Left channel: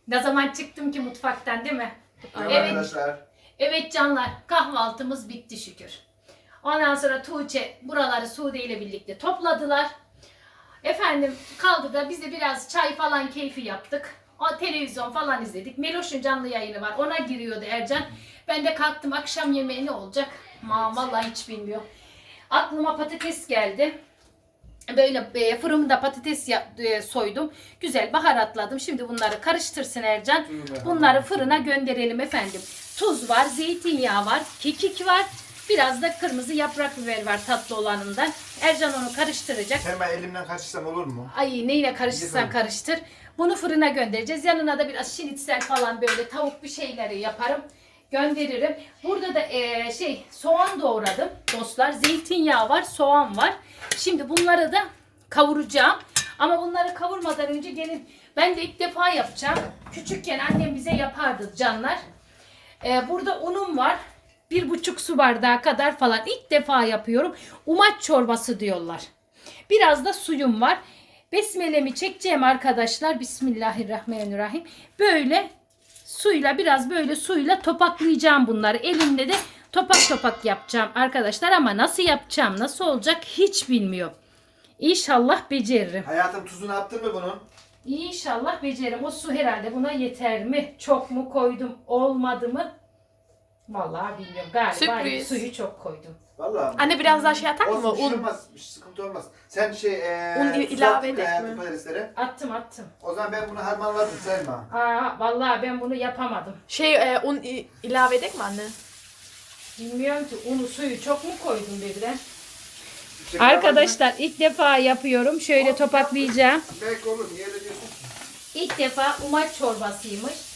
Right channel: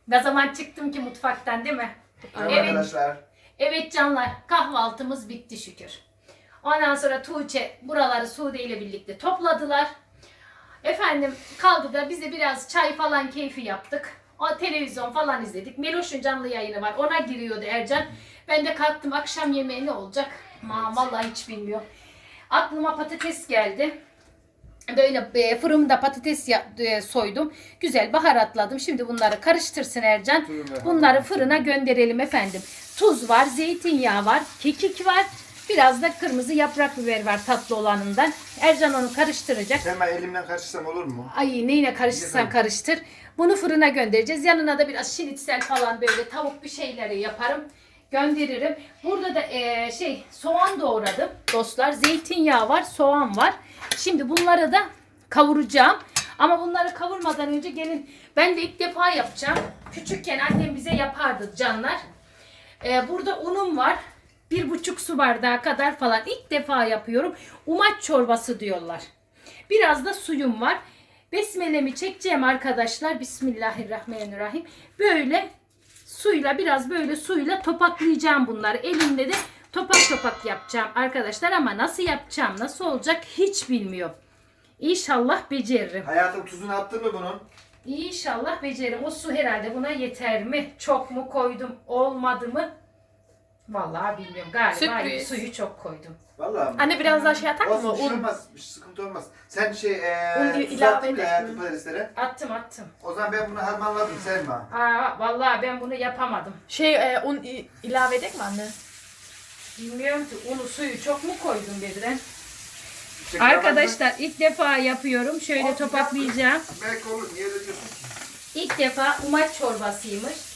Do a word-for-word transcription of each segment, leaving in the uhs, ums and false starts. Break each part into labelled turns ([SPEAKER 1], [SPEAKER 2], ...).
[SPEAKER 1] Ne zaman çıktım ki mutfaktan, değil mi?
[SPEAKER 2] Aynen.
[SPEAKER 1] Evet.
[SPEAKER 2] Arkadaşlar.
[SPEAKER 1] Evet canlar, kahvaltımız bitti şükür. Ondan sonra Tuğçe buraları Sude ile birlikte topladılar. Efendim kaldı da biz de biraz çay falan keyfi yaptık. O televizyon falan izledik. Meloş'un canlı yayını var. Ona giriyordu Ercan. Ben de kalktım, akşam yemeği ne olacak? Ma vallahi hiç bilmiyorum. Aklıma patates geldi. Böyle e, fırında patates ya- e, soydum. Güzel baharatladım. Şimdi bunları karıştırsın Ercan. Bunları fırına gönderelim efendim. Tuz var, zeytinyağı var, kekik var. Biraz da kırmızı yaprak biber var tatlı olanından. Ercan onu karıştıracak.
[SPEAKER 2] Hemen elimden kaçırsam olur mu?
[SPEAKER 1] Ay neyle karıştırsan
[SPEAKER 2] Güzel.
[SPEAKER 1] karıştır. Bunu fırına göndereceğiz. Yanına da biraz şinitsel falan böyle tavuk bir şeyleri yaparım. Gönderirim. Burada da e, şey soğan doğradım dostlar. Zeytinyağı var, soğan var. Şimdi bunları da kavuracağım. Ama bunları kavurmadan önce gelin. Ben de ilk defa yapacağım. Küçükken annem bize yapardı canlar. E, burada unum var. Bir buçuk su bardağı kadar falan. İlk defa yapıyorum. Umaç çorbası diyorlar. Biraz da suyum var. Besmelemi çekeceğim arkadaşlar. Bismillahirrahmanirrahim. Böyle suyla biraz böyle suyla topaklayacağım bunları. Elimde de topak topak yapacağım arkadaşlar. Ama nasıl yapacağım, nasıl olacak hiç bilmiyorum. İnşallah beceririm.
[SPEAKER 2] Hayatım tuzunu attın mı bunun?
[SPEAKER 1] İnşallah beceririm. O su herhalde buna yeter mi? Çok mu koydum? Olmadı mı? Vallahi bilmiyorum. Galiba
[SPEAKER 3] Sürpriz.
[SPEAKER 1] suyu çok koydum.
[SPEAKER 2] Vallahi mi?
[SPEAKER 3] Anne biraz daha şey atar mı?
[SPEAKER 2] Olsun, bir şey
[SPEAKER 3] Un.
[SPEAKER 2] olmaz. Bir sıkıntı olmaz. Sen şey eee
[SPEAKER 3] Un
[SPEAKER 2] tuz
[SPEAKER 3] ilave
[SPEAKER 2] attın mı
[SPEAKER 3] edecek
[SPEAKER 2] hayatım
[SPEAKER 3] mi?
[SPEAKER 2] patateslere?
[SPEAKER 1] Attım attım.
[SPEAKER 2] O zaman ben bunu harmanladım Selma.
[SPEAKER 1] Aa, vallahi ben bunu yapamadım.
[SPEAKER 3] Şey e, un i- ilave edek mi anne?
[SPEAKER 1] Bilmiyorum ki unu suyu çok mu koydum birden?
[SPEAKER 2] Çek
[SPEAKER 1] Arkadaşlar ilk defa yapıyorum. Şöyle topaklayacağım.
[SPEAKER 2] bakalım. Belki olur. Niye de diyorsun ki?
[SPEAKER 1] İlk defa umaç çorbasıymış.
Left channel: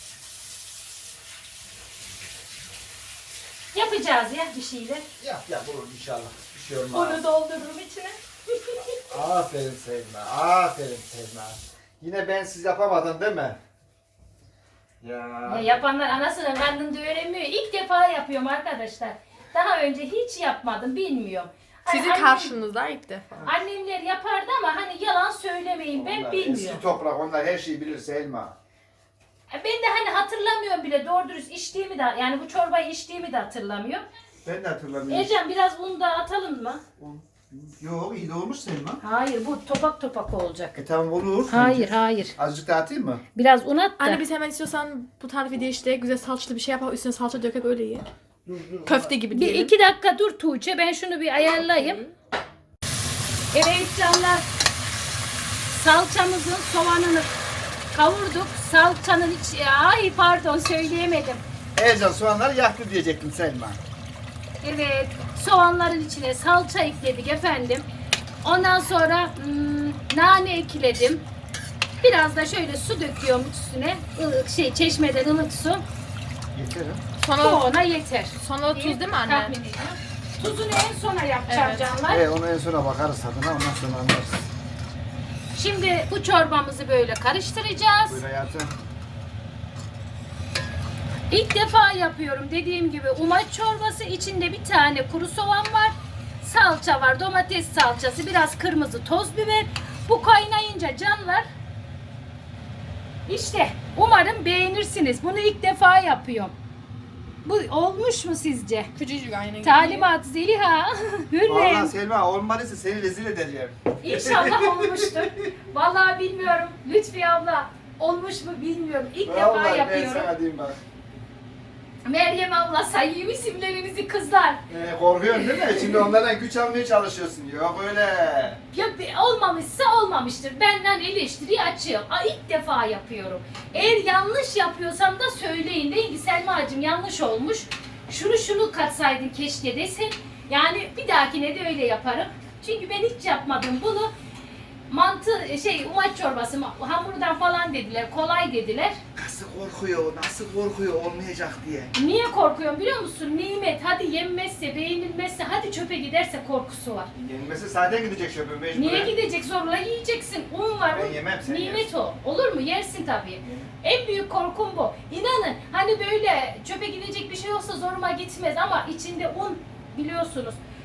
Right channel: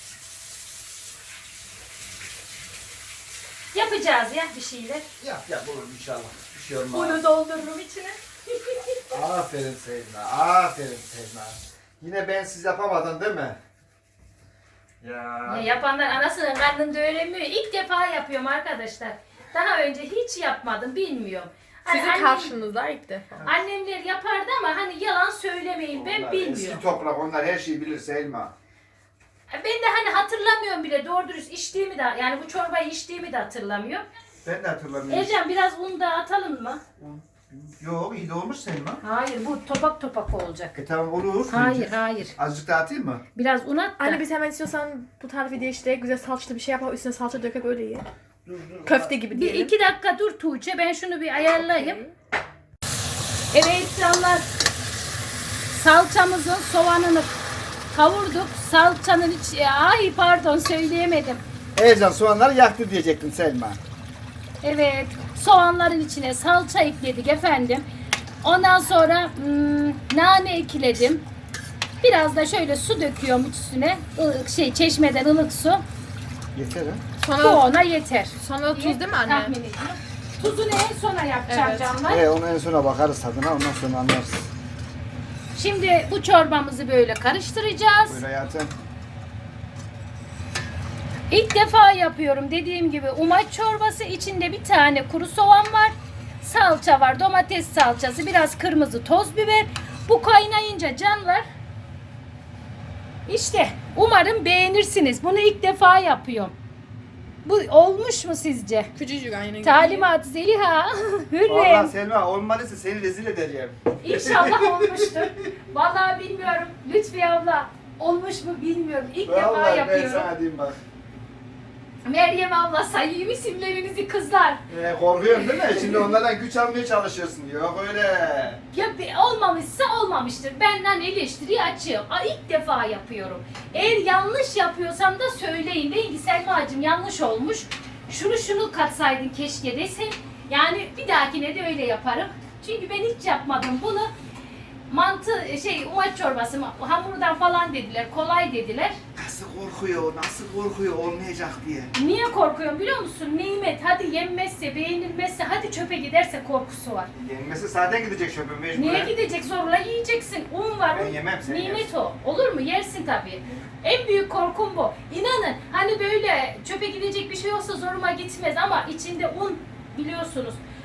[SPEAKER 1] Yapacağız ya bir şeyler.
[SPEAKER 2] Yap yap olur inşallah. Bir şey olmaz.
[SPEAKER 1] Unu doldururum içine.
[SPEAKER 2] Aferin Selma. Aferin Selma. Yine ben siz yapamadın değil mi? Ya.
[SPEAKER 1] Ya yapanlar anasının karnında öğrenmiyor. İlk defa yapıyorum arkadaşlar. Daha önce hiç yapmadım, bilmiyorum. Hani
[SPEAKER 3] Sizin
[SPEAKER 1] annem-
[SPEAKER 3] karşınızda ilk defa.
[SPEAKER 1] Annemler yapardı ama hani yalan söylemeyin, ben
[SPEAKER 2] Onlar
[SPEAKER 1] bilmiyorum.
[SPEAKER 2] Eski toprak onlar her şeyi bilir Selma.
[SPEAKER 1] Ben de hani hatırlamıyorum bile doğru dürüst içtiğimi de, yani bu çorbayı içtiğimi de hatırlamıyorum.
[SPEAKER 2] Ben de hatırlamıyorum.
[SPEAKER 1] Ercan biraz un da atalım mı?
[SPEAKER 2] Yok iyi de olmuş Selma.
[SPEAKER 1] Hayır, bu topak topak olacak.
[SPEAKER 2] E tamam olur.
[SPEAKER 1] Hayır hayır.
[SPEAKER 2] Azıcık daha atayım mı?
[SPEAKER 1] Biraz un at da.
[SPEAKER 3] Anne biz hemen istiyorsan bu tarifi değiştirerek güzel salçalı bir şey yapalım. Üstüne salça dökek öyle ye.
[SPEAKER 2] Dur dur.
[SPEAKER 3] Köfte gibi
[SPEAKER 1] Bir
[SPEAKER 3] diyelim.
[SPEAKER 1] iki dakika dur Tuğçe, ben şunu bir ayarlayayım. Evet canlar, salçamızın soğanını kavurduk. Salçanın iç... Ay pardon söyleyemedim.
[SPEAKER 2] Ercan soğanları yaktı diyecektim Selma.
[SPEAKER 1] Evet, soğanların içine salça ekledik efendim. Ondan sonra hmm, nane ekledim. Biraz da şöyle su döküyorum üstüne. Ilık, şey çeşmeden ılık su.
[SPEAKER 2] Yeter ha.
[SPEAKER 1] Bu
[SPEAKER 3] Sonra,
[SPEAKER 1] ona yeter.
[SPEAKER 3] sonra da tuz değil mi anne?
[SPEAKER 1] Tahmin ediyorum. Tuzunu en sona yapacağım
[SPEAKER 3] Evet.
[SPEAKER 1] canlar.
[SPEAKER 2] E, onu en sona bakarız tadına ondan sonra anlarız.
[SPEAKER 1] Şimdi bu çorbamızı böyle karıştıracağız.
[SPEAKER 2] Böyle hayatım.
[SPEAKER 1] İlk defa yapıyorum dediğim gibi umaç çorbası. İçinde bir tane kuru soğan var. Salça var, domates salçası, biraz kırmızı toz biber. Bu kaynayınca canlar. İşte umarım beğenirsiniz. Bunu ilk defa yapıyorum. Bu olmuş mu sizce?
[SPEAKER 3] Küçücük aynı.
[SPEAKER 1] Talimat Zeliha.
[SPEAKER 2] Vallahi
[SPEAKER 1] Hürrem.
[SPEAKER 2] Selma olmalıysa seni rezil edeceğim.
[SPEAKER 1] İnşallah olmuştur. Vallahi bilmiyorum. Lütfi abla olmuş mu bilmiyorum. İlk defa
[SPEAKER 2] Vallahi ben
[SPEAKER 1] yapıyorum.
[SPEAKER 2] sana diyeyim bak.
[SPEAKER 1] Meryem abla sayayım isimlerinizi kızlar.
[SPEAKER 2] E, korkuyorsun değil mi? Şimdi onlardan güç almaya çalışıyorsun. Yok öyle.
[SPEAKER 1] Ya be- olmamışsa olmamıştır. Benden eleştiriyi açığım. Aa, ilk defa yapıyorum. Eğer yanlış yapıyorsam da söyleyin. Deyin ki Selma'cığım yanlış olmuş. Şunu şunu katsaydın keşke desin. Yani bir dahakine de öyle yaparım. Çünkü ben hiç yapmadım bunu. Mantı şey umaç çorbası hamurdan falan dediler. Kolay dediler.
[SPEAKER 2] Nasıl korkuyor, nasıl korkuyor olmayacak diye.
[SPEAKER 1] Niye korkuyorum biliyor musun? Nimet. Hadi yenmezse, beğenilmezse, hadi çöpe giderse korkusu var.
[SPEAKER 2] Yenmesi zaten gidecek şöpe mecburen.
[SPEAKER 1] Niye gidecek, zorla yiyeceksin. Un var.
[SPEAKER 2] Ben
[SPEAKER 1] un-
[SPEAKER 2] yemem, sen
[SPEAKER 1] Nimet
[SPEAKER 2] yersin.
[SPEAKER 1] o. Olur mu? Yersin tabii. En büyük korkum bu. İnanın hani böyle çöpe gidecek bir şey olsa zoruma gitmez ama içinde un biliyorsunuz.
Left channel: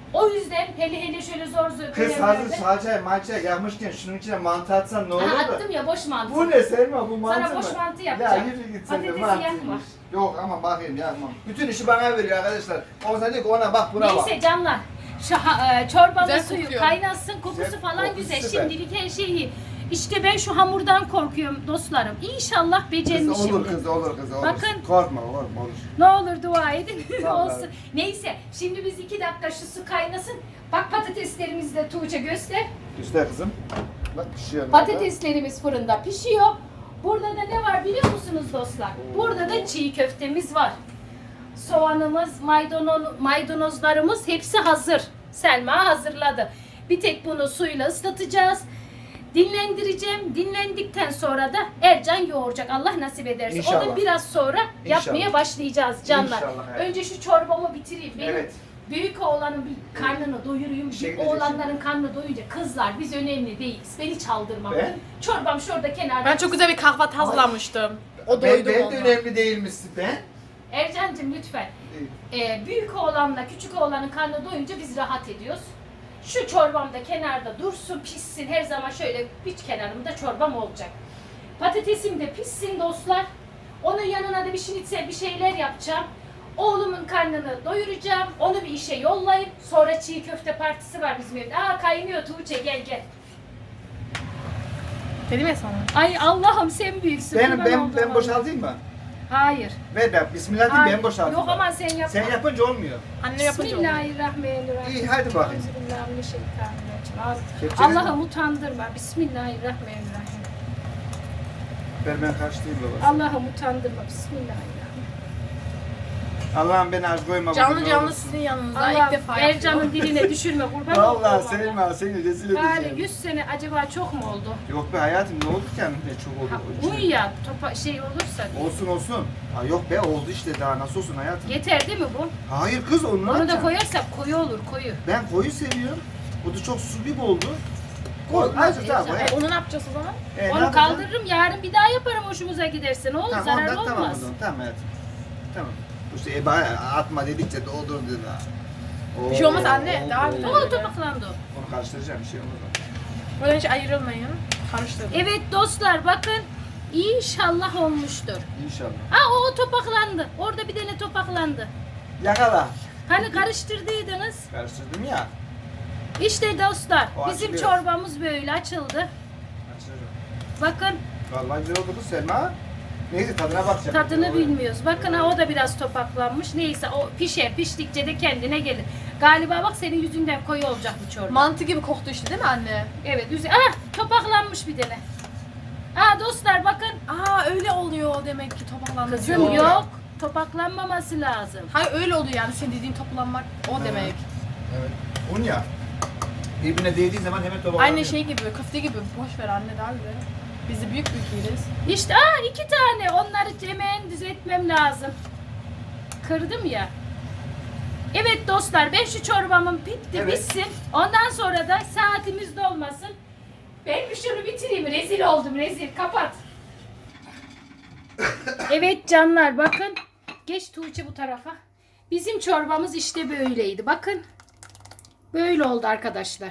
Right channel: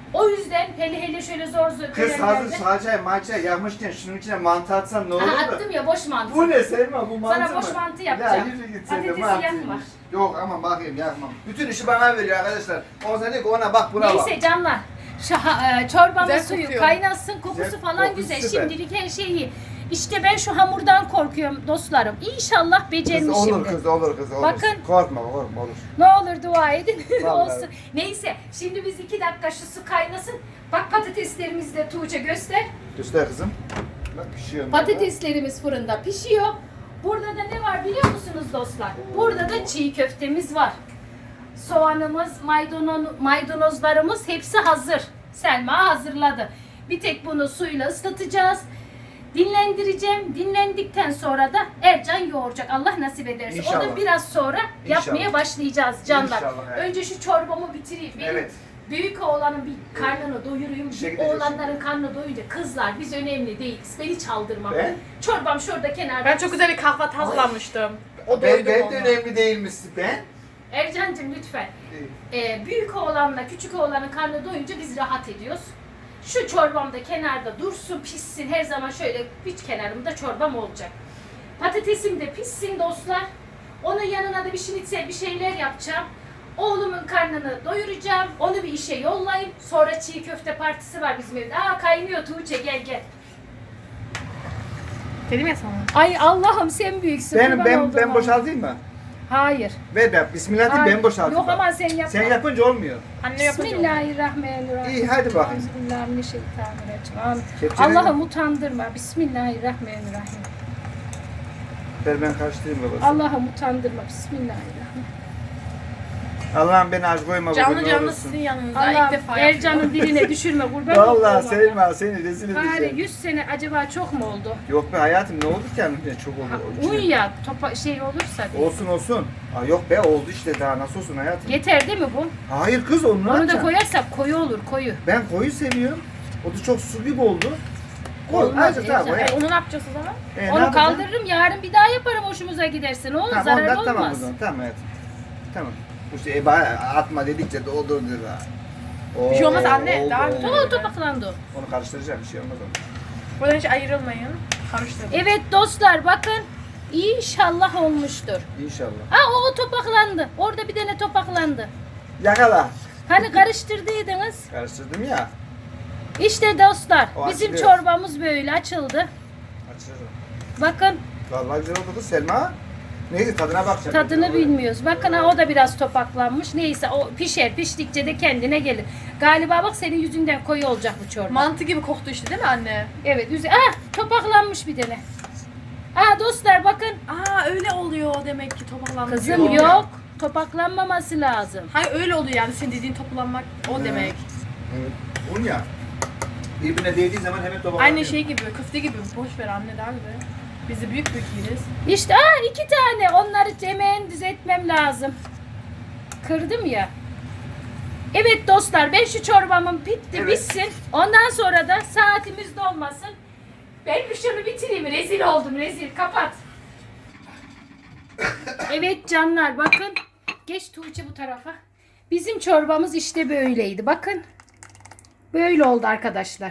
[SPEAKER 1] O yüzden hele hele şöyle zor zor
[SPEAKER 2] Kız hazır
[SPEAKER 1] dönemlerde-
[SPEAKER 2] salçayı malçayı yapmışken şunun içine mantı atsan ne olur
[SPEAKER 1] Aha,
[SPEAKER 2] da?
[SPEAKER 1] attım ya boş mantı.
[SPEAKER 2] Bu ne Selma, bu mantı
[SPEAKER 1] Sana
[SPEAKER 2] mı?
[SPEAKER 1] boş mantı
[SPEAKER 2] Ya
[SPEAKER 1] yapacağım.
[SPEAKER 2] yürü git sen de
[SPEAKER 1] Patatesi
[SPEAKER 2] mantıymış.
[SPEAKER 1] yakma.
[SPEAKER 2] Yok ama bakayım yakmam. Bütün işi bana veriyor arkadaşlar. O zaman diyor ki ona bak buna bak.
[SPEAKER 1] Neyse canlar. Şu ha- e, çorbamın
[SPEAKER 3] Güzel
[SPEAKER 1] suyu
[SPEAKER 3] kokuyor.
[SPEAKER 1] kaynasın, kokusu
[SPEAKER 2] Güzel,
[SPEAKER 1] falan
[SPEAKER 2] kokusu
[SPEAKER 1] güzel.
[SPEAKER 2] süper.
[SPEAKER 1] Şimdilik her şey iyi. İşte ben şu hamurdan korkuyorum dostlarım. İnşallah
[SPEAKER 2] Kız
[SPEAKER 1] becermişimdir.
[SPEAKER 2] olur kız olur kız olur.
[SPEAKER 1] Bakın.
[SPEAKER 2] Korkma korkma olur.
[SPEAKER 1] Ne olur dua edin.
[SPEAKER 2] Vallahi.
[SPEAKER 1] Olsun. Neyse şimdi biz iki dakika şu su kaynasın. Bak patateslerimizi de Tuğçe göster.
[SPEAKER 2] Göster kızım. Bak pişiyor.
[SPEAKER 1] Patateslerimiz fırında pişiyor. Burada da ne var biliyor musunuz dostlar? Burada da çiğ köftemiz var. Soğanımız, maydanoz, maydanozlarımız hepsi hazır. Selma hazırladı. Bir tek bunu suyla ıslatacağız. Dinlendireceğim. Dinlendikten sonra da Ercan yoğuracak. Allah nasip ederse. O
[SPEAKER 2] İnşallah.
[SPEAKER 1] da biraz sonra yapmaya
[SPEAKER 2] İnşallah.
[SPEAKER 1] başlayacağız canlar.
[SPEAKER 2] İnşallah, evet.
[SPEAKER 1] Önce şu çorbamı bitireyim. Benim
[SPEAKER 2] Evet.
[SPEAKER 1] büyük oğlanın bir karnını doyurayım.
[SPEAKER 2] İşe
[SPEAKER 1] Bir
[SPEAKER 2] gideceksin.
[SPEAKER 1] oğlanların karnını doyunca kızlar biz önemli değiliz. Beni çaldırmam.
[SPEAKER 2] Ben?
[SPEAKER 1] Çorbam şurada kenarda.
[SPEAKER 3] Ben çok güzel bir kahvaltı hazırlamıştım. O
[SPEAKER 2] Ben,
[SPEAKER 3] doydu
[SPEAKER 2] ben
[SPEAKER 3] ona.
[SPEAKER 2] de önemli değil misin ben?
[SPEAKER 1] Ercan'cığım lütfen. Ee, büyük oğlanla küçük oğlanın karnı doyunca biz rahat ediyoruz. Şu çorbam da kenarda dursun, pişsin. Her zaman şöyle bir kenarımda çorbam olacak. Patatesim de pişsin dostlar. Onun yanına da bir şinitsel bir şeyler yapacağım. Oğlumun karnını doyuracağım. Onu bir işe yollayayım. Sonra çiğ köfte partisi var bizim evde. Aa kaynıyor Tuğçe gel gel.
[SPEAKER 3] Dedim ya sana.
[SPEAKER 1] Ay Allah'ım sen büyüksün.
[SPEAKER 2] Ben
[SPEAKER 1] kurban
[SPEAKER 2] ben
[SPEAKER 1] olduğum
[SPEAKER 2] ben
[SPEAKER 1] Allah'ım.
[SPEAKER 2] boşaltayım mı?
[SPEAKER 1] Hayır.
[SPEAKER 2] Ver ben bismillah diyeyim
[SPEAKER 1] Hayır.
[SPEAKER 2] ben boşaltayım.
[SPEAKER 1] Yok ama sen yap.
[SPEAKER 2] Sen yapınca olmuyor.
[SPEAKER 3] Anne yapınca oldu.
[SPEAKER 1] Bismillahirrahmanirrahim.
[SPEAKER 2] İyi, hadi bakayım.
[SPEAKER 1] Euzubillahimineşşeytanirracim.
[SPEAKER 2] Kepçeni-
[SPEAKER 1] Allah'ım utandırma. Bismillahirrahmanirrahim.
[SPEAKER 2] Ver ben karıştırayım babası.
[SPEAKER 1] Allah'ım utandırma. Bismillahirrahmanirrahim.
[SPEAKER 2] Allah'ım beni aç koyma.
[SPEAKER 3] Canlı
[SPEAKER 2] bugün, ne
[SPEAKER 3] canlı
[SPEAKER 2] olursun.
[SPEAKER 3] sizin yanınızda
[SPEAKER 1] Allah
[SPEAKER 3] ilk defa
[SPEAKER 1] Ercan'ın
[SPEAKER 3] yapıyorum.
[SPEAKER 1] diline düşürme kurban
[SPEAKER 2] Vallahi
[SPEAKER 1] olduğum Allah.
[SPEAKER 2] Selma seni rezil
[SPEAKER 1] Bari
[SPEAKER 2] edeceğim.
[SPEAKER 1] yüz sene acaba çok mu oldu?
[SPEAKER 2] Yok be hayatım ne oldu ki kendine çok oldu.
[SPEAKER 1] Un ya topa şey olursa. diye.
[SPEAKER 2] Olsun olsun. Aa, yok be oldu işte daha nasıl olsun hayatım.
[SPEAKER 1] Yeter değil mi bu?
[SPEAKER 2] Hayır kız onu ne
[SPEAKER 1] Onu da
[SPEAKER 2] yapacaksın?
[SPEAKER 1] koyarsak koyu olur koyu.
[SPEAKER 2] Ben koyu seviyorum. O da çok su gibi oldu. Koy.
[SPEAKER 1] Olmaz,
[SPEAKER 2] Azıcık daha
[SPEAKER 1] Ercan.
[SPEAKER 2] koy.
[SPEAKER 3] E, onu ne yapacağız o zaman?
[SPEAKER 2] E, ne
[SPEAKER 1] Onu
[SPEAKER 2] yapacaksın?
[SPEAKER 1] kaldırırım yarın bir daha yaparım hoşumuza giderse. Ne olur
[SPEAKER 2] Tamam,
[SPEAKER 1] zararlı
[SPEAKER 2] ondan, tamam,
[SPEAKER 1] olmaz.
[SPEAKER 2] o zaman, tamam hayatım. Tamam. İşte e, bana atma dedikçe doldur diyor daha.
[SPEAKER 3] Bir şey olmaz anne,
[SPEAKER 2] oldu,
[SPEAKER 3] daha
[SPEAKER 2] oldu.
[SPEAKER 3] güzel.
[SPEAKER 1] O topaklandı o.
[SPEAKER 2] Onu karıştıracağım bir şey olmaz ona.
[SPEAKER 3] Buradan hiç ayrılmayın. Karıştırın.
[SPEAKER 1] Evet dostlar bakın inşallah olmuştur.
[SPEAKER 2] İnşallah.
[SPEAKER 1] Aa o, o topaklandı. Orada bir tane topaklandı.
[SPEAKER 2] Yakala.
[SPEAKER 1] Hani karıştırdıydınız.
[SPEAKER 2] Karıştırdım ya.
[SPEAKER 1] İşte dostlar
[SPEAKER 2] O
[SPEAKER 1] bizim
[SPEAKER 2] açılıyor.
[SPEAKER 1] çorbamız böyle açıldı.
[SPEAKER 2] Açıyorum.
[SPEAKER 1] Bakın
[SPEAKER 2] Vallahi güzel oldu kız Selma. Neyse tadına bakacağım.
[SPEAKER 1] tadını bilmiyoruz. Bakın ha, o da biraz topaklanmış. Neyse o pişer piştikçe de kendine gelir. Galiba bak senin yüzünden koyu olacak bu çorba.
[SPEAKER 3] Mantı gibi koktu işte değil mi anne?
[SPEAKER 1] Evet üzü. Ah topaklanmış bir tane. Aa dostlar bakın.
[SPEAKER 3] Aa öyle oluyor demek ki topaklanma
[SPEAKER 1] Kızım
[SPEAKER 3] diyor.
[SPEAKER 1] yok. Topaklanmaması lazım.
[SPEAKER 3] Hayır öyle oluyor yani senin dediğin toplanmak o
[SPEAKER 2] Hı.
[SPEAKER 3] demek.
[SPEAKER 2] Evet. Un ya. Birbirine değdiği zaman hemen tabak
[SPEAKER 3] Aynı şey gibi, köfte gibi. Boş ver anne daha güzel. Biz de büyük büyük yeriz.
[SPEAKER 1] İşte aa iki tane. Onları hemen düzeltmem lazım. Kırdım ya. Evet dostlar ben şu çorbamın bitti
[SPEAKER 2] Evet.
[SPEAKER 1] bitsin. Ondan sonra da saatimiz dolmasın. Ben bir şunu bitireyim. Rezil oldum rezil. Kapat. Evet canlar bakın. Geç Tuğçe bu tarafa. Bizim çorbamız işte böyleydi. Bakın. Böyle oldu arkadaşlar.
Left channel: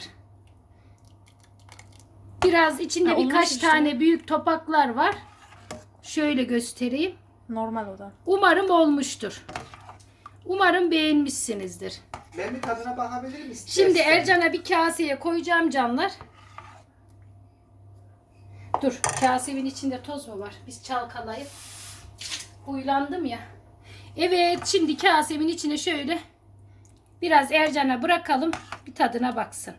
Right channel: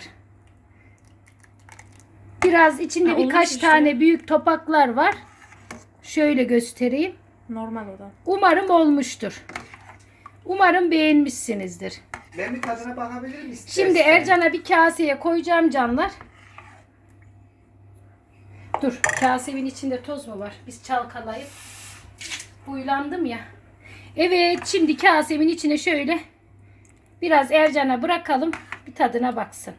[SPEAKER 1] Biraz içinde
[SPEAKER 3] Ha, olmuş
[SPEAKER 1] birkaç
[SPEAKER 3] işte.
[SPEAKER 1] tane büyük topaklar var. Şöyle göstereyim.
[SPEAKER 3] Normal o da.
[SPEAKER 1] Umarım olmuştur. Umarım beğenmişsinizdir.
[SPEAKER 2] Ben bir tadına bakabilirim istersen.
[SPEAKER 1] Şimdi Ercan'a bir kaseye koyacağım canlar. Dur, kasemin içinde toz mu var? Biz çalkalayıp huylandım ya. Evet, şimdi kasemin içine şöyle biraz Ercan'a bırakalım. Bir tadına baksın.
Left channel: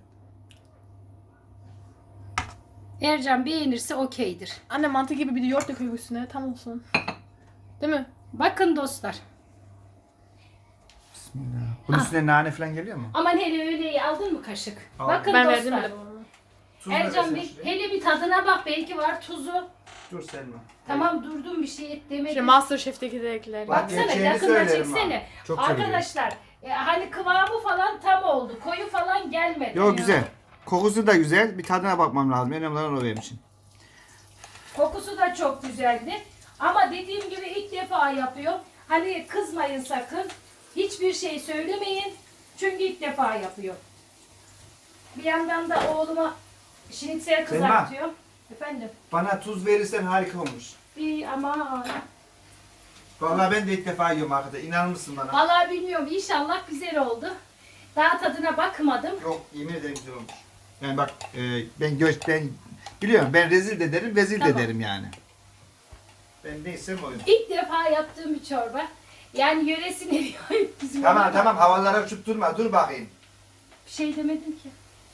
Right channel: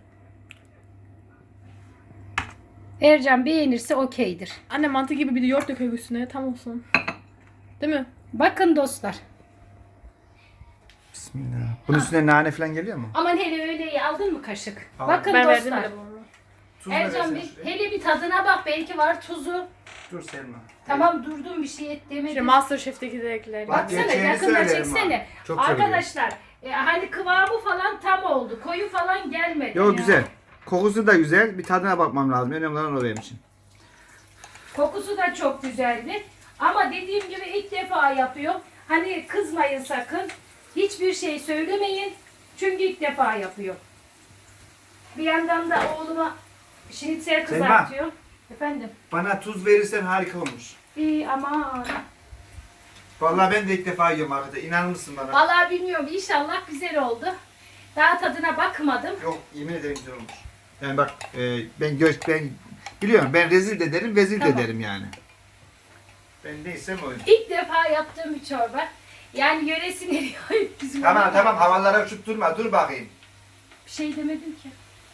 [SPEAKER 1] Ercan beğenirse okeydir.
[SPEAKER 3] Anne mantı gibi bir de yoğurt döküyor üstüne tam olsun. Değil mi?
[SPEAKER 1] Bakın dostlar.
[SPEAKER 2] Bismillah. Bunun üstüne nane falan geliyor mu?
[SPEAKER 1] Aman hele öyle iyi aldın mı kaşık?
[SPEAKER 2] Al.
[SPEAKER 1] Bakın
[SPEAKER 3] Ben
[SPEAKER 1] dostlar.
[SPEAKER 3] verdim bile bunu.
[SPEAKER 2] Tuzunu
[SPEAKER 1] Ercan
[SPEAKER 2] versene
[SPEAKER 1] Bey
[SPEAKER 2] şuraya.
[SPEAKER 1] hele bir tadına bak belki var tuzu.
[SPEAKER 2] Dur Selma.
[SPEAKER 1] Tamam durdum bir şey et
[SPEAKER 3] İşte
[SPEAKER 1] demedim.
[SPEAKER 3] Masterchef'teki de ekler.
[SPEAKER 2] Bak,
[SPEAKER 1] Baksana
[SPEAKER 2] gerçeğini
[SPEAKER 1] yakından
[SPEAKER 2] söylerim
[SPEAKER 1] çeksene.
[SPEAKER 2] ha. Çok seviyorum.
[SPEAKER 1] Arkadaşlar e, hani kıvamı falan tam oldu. Koyu falan gelmedi.
[SPEAKER 2] Yo
[SPEAKER 1] ya.
[SPEAKER 2] güzel. Kokusu da güzel. Bir tadına bakmam lazım. Önemli olan o benim için.
[SPEAKER 1] Kokusu da çok güzeldi. Ama dediğim gibi ilk defa yapıyor. Hani kızmayın sakın. Hiçbir şey söylemeyin. Çünkü ilk defa yapıyor. Bir yandan da oğluma şinitsel
[SPEAKER 2] Selma.
[SPEAKER 1] kızartıyor. Efendim?
[SPEAKER 2] Bana tuz verirsen harika olmuş.
[SPEAKER 1] İyi ama
[SPEAKER 2] Vallahi ben de ilk defa yiyorum arkadaşlar. İnanır mısın bana?
[SPEAKER 1] vallahi bilmiyorum. İnşallah güzel oldu. Daha tadına bakmadım.
[SPEAKER 2] Yok, yemin ederim güzel olmuş. Yani bak e, ben göç ben biliyorum, ben rezil de derim, vezil
[SPEAKER 1] Tamam.
[SPEAKER 2] de derim yani. Ben neysem oyum.
[SPEAKER 1] İlk defa yaptığım bir çorba. Yani yöresine diyor bizim.
[SPEAKER 2] Tamam
[SPEAKER 1] ona-
[SPEAKER 2] tamam, havalara uçup durma, dur bakayım.
[SPEAKER 1] Bir şey demedim ki.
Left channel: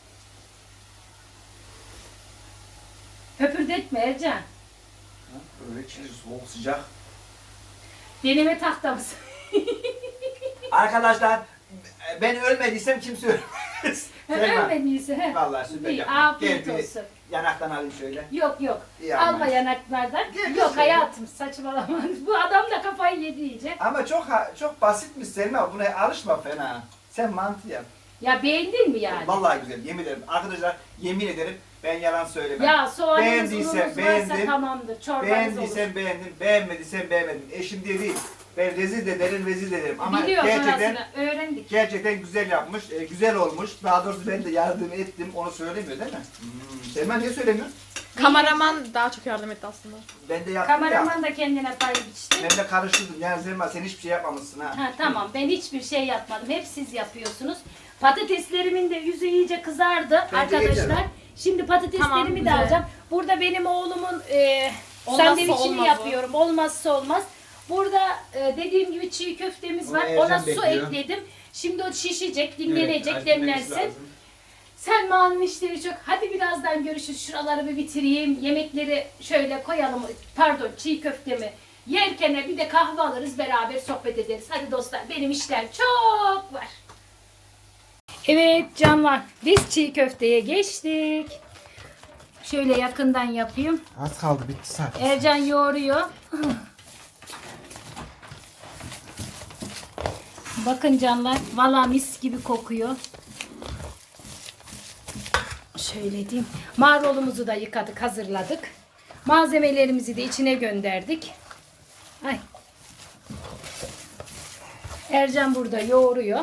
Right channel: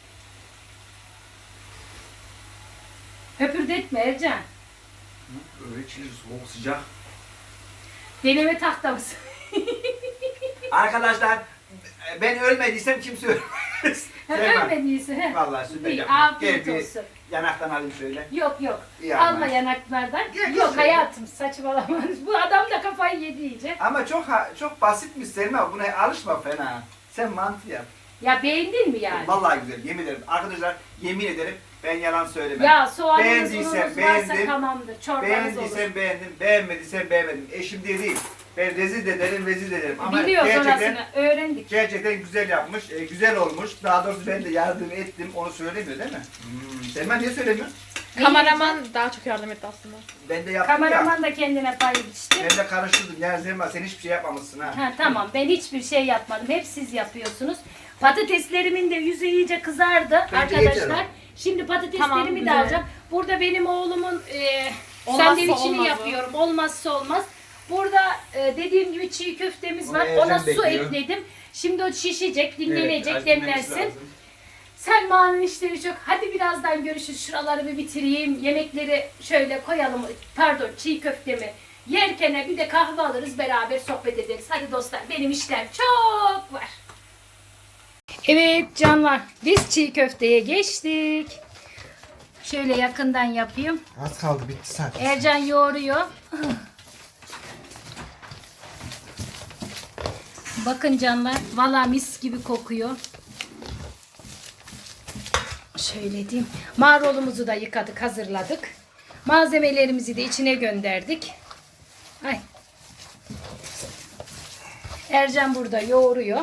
[SPEAKER 1] Höpürdetme Ercan.
[SPEAKER 2] Öyle içiniz soğuk sıcak.
[SPEAKER 1] Deneme tahtamız.
[SPEAKER 2] Arkadaşlar ben ölmediysem kimse ölmez. Selma,
[SPEAKER 1] Ölmediyse. he.
[SPEAKER 2] vallahi süper
[SPEAKER 1] İyi,
[SPEAKER 2] yaptın.
[SPEAKER 1] afiyet
[SPEAKER 2] Gel bir
[SPEAKER 1] olsun.
[SPEAKER 2] yanaktan alayım şöyle.
[SPEAKER 1] Yok yok.
[SPEAKER 2] İyi
[SPEAKER 1] Alma
[SPEAKER 2] ama.
[SPEAKER 1] yanaklardan.
[SPEAKER 2] Gel,
[SPEAKER 1] Yok
[SPEAKER 2] gel.
[SPEAKER 1] hayatım saçmalama. Bu adam da kafayı yedi iyice.
[SPEAKER 2] Ama çok ha- çok basitmiş Selma, buna alışma fena. Sen mantı yap.
[SPEAKER 1] Ya beğendin mi yani?
[SPEAKER 2] Vallahi güzel, yemin ederim. Arkadaşlar yemin ederim ben yalan söylemem.
[SPEAKER 1] Ya soğanınız
[SPEAKER 2] Beğendiysen
[SPEAKER 1] ununuz varsa
[SPEAKER 2] beğendim.
[SPEAKER 1] tamamdır. Çorbanız olur.
[SPEAKER 2] Beğendiysen beğendim, beğenmediysen beğenmedim. Eşim diye değil. Ben rezil de derim, vezil de derim. Ama
[SPEAKER 1] Biliyor
[SPEAKER 2] gerçekten
[SPEAKER 1] sonrasını öğrendik.
[SPEAKER 2] gerçekten güzel yapmış, e, güzel olmuş. Daha doğrusu ben de yardım ettim, onu söylemiyor değil mi? Hmm. Selma niye söylemiyor?
[SPEAKER 3] Kameraman daha çok yardım etti aslında.
[SPEAKER 2] Ben de yaptım ya.
[SPEAKER 1] Kameraman da kendine pay biçti.
[SPEAKER 2] Ben de karıştırdım. Yani Selma sen hiçbir şey yapmamışsın ha.
[SPEAKER 1] Ha, tamam ben hiçbir şey yapmadım. Hep siz yapıyorsunuz. Patateslerimin de yüzü iyice kızardı
[SPEAKER 2] Bence
[SPEAKER 1] arkadaşlar.
[SPEAKER 2] yeter
[SPEAKER 1] Şimdi patateslerimi
[SPEAKER 3] Tamam,
[SPEAKER 1] de
[SPEAKER 3] güzel.
[SPEAKER 1] alacağım. Burada benim oğlumun e,
[SPEAKER 3] Olmazsa
[SPEAKER 1] sandviçini
[SPEAKER 3] olmazı.
[SPEAKER 1] yapıyorum. Olmazsa olmaz. Burada e, dediğim gibi çiğ köftemiz
[SPEAKER 2] Onu
[SPEAKER 1] var.
[SPEAKER 2] Ercan
[SPEAKER 1] Ona su
[SPEAKER 2] bekliyor.
[SPEAKER 1] ekledim. Şimdi o şişecek, dinlenecek,
[SPEAKER 2] Evet, dinlemesi
[SPEAKER 1] demlensin.
[SPEAKER 2] lazım.
[SPEAKER 1] Selma'nın işleri çok. Hadi birazdan görüşürüz. Şuraları bir bitireyim. Yemekleri şöyle koyalım. Pardon, çiğ köftemi yerken bir de kahve alırız, beraber sohbet ederiz. Hadi dostlar, benim işler çok var. Evet canlar, biz çiğ köfteye geçtik. Şöyle yakından yapayım.
[SPEAKER 2] Az kaldı, bitti zaten.
[SPEAKER 1] Ercan yoğuruyor. Bakın canlar, valla mis gibi kokuyor. Şöyle diyeyim. Marulumuzu da yıkadık, hazırladık. Malzemelerimizi de içine gönderdik. Ay. Ercan burada yoğuruyor.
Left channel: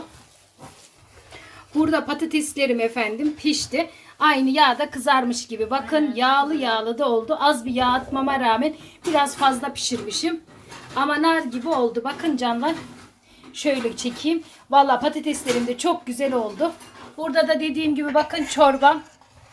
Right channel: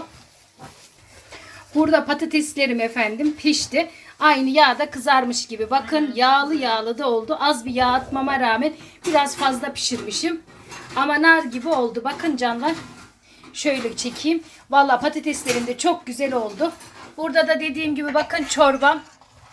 [SPEAKER 1] Burada patateslerim efendim pişti. Aynı yağda kızarmış gibi. Bakın yağlı yağlı da oldu. Az bir yağ atmama rağmen biraz fazla pişirmişim. Ama nar gibi oldu. Bakın canlar. Şöyle çekeyim. Valla patateslerim de çok güzel oldu. Burada da dediğim gibi bakın çorbam.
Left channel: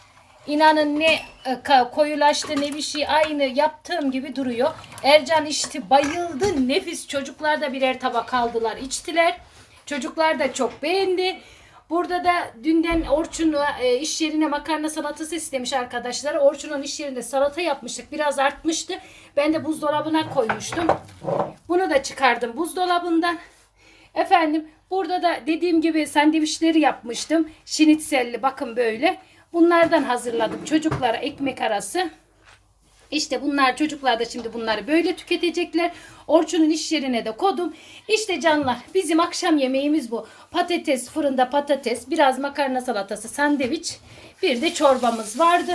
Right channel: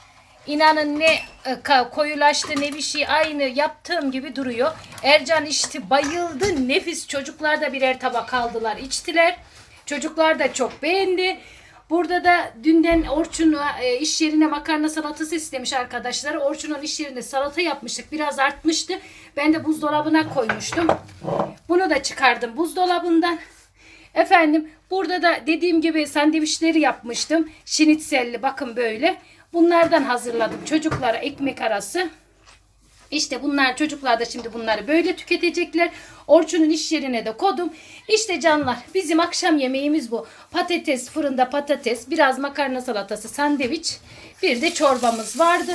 [SPEAKER 1] İnanın ne e, ka- koyulaştı ne bir şey, aynı yaptığım gibi duruyor. Ercan içti, bayıldı. Nefis. Çocuklar da birer tabak aldılar, içtiler. Çocuklar da çok beğendi. Burada da dünden Orçun e, iş yerine makarna salatası istemiş arkadaşlar. Orçun'un iş yerinde salata yapmıştık. Biraz artmıştı. Ben de buzdolabına koymuştum. Bunu da çıkardım buzdolabından. Efendim burada da dediğim gibi sandviçleri yapmıştım. Şinitselli bakın böyle. Bunlardan hazırladım çocuklara ekmek arası. İşte bunlar, çocuklar da şimdi bunları böyle tüketecekler. Orçun'un iş yerine de kodum. İşte canlar, bizim akşam yemeğimiz bu. Patates, fırında patates, biraz makarna salatası, sandviç. Bir de çorbamız vardı.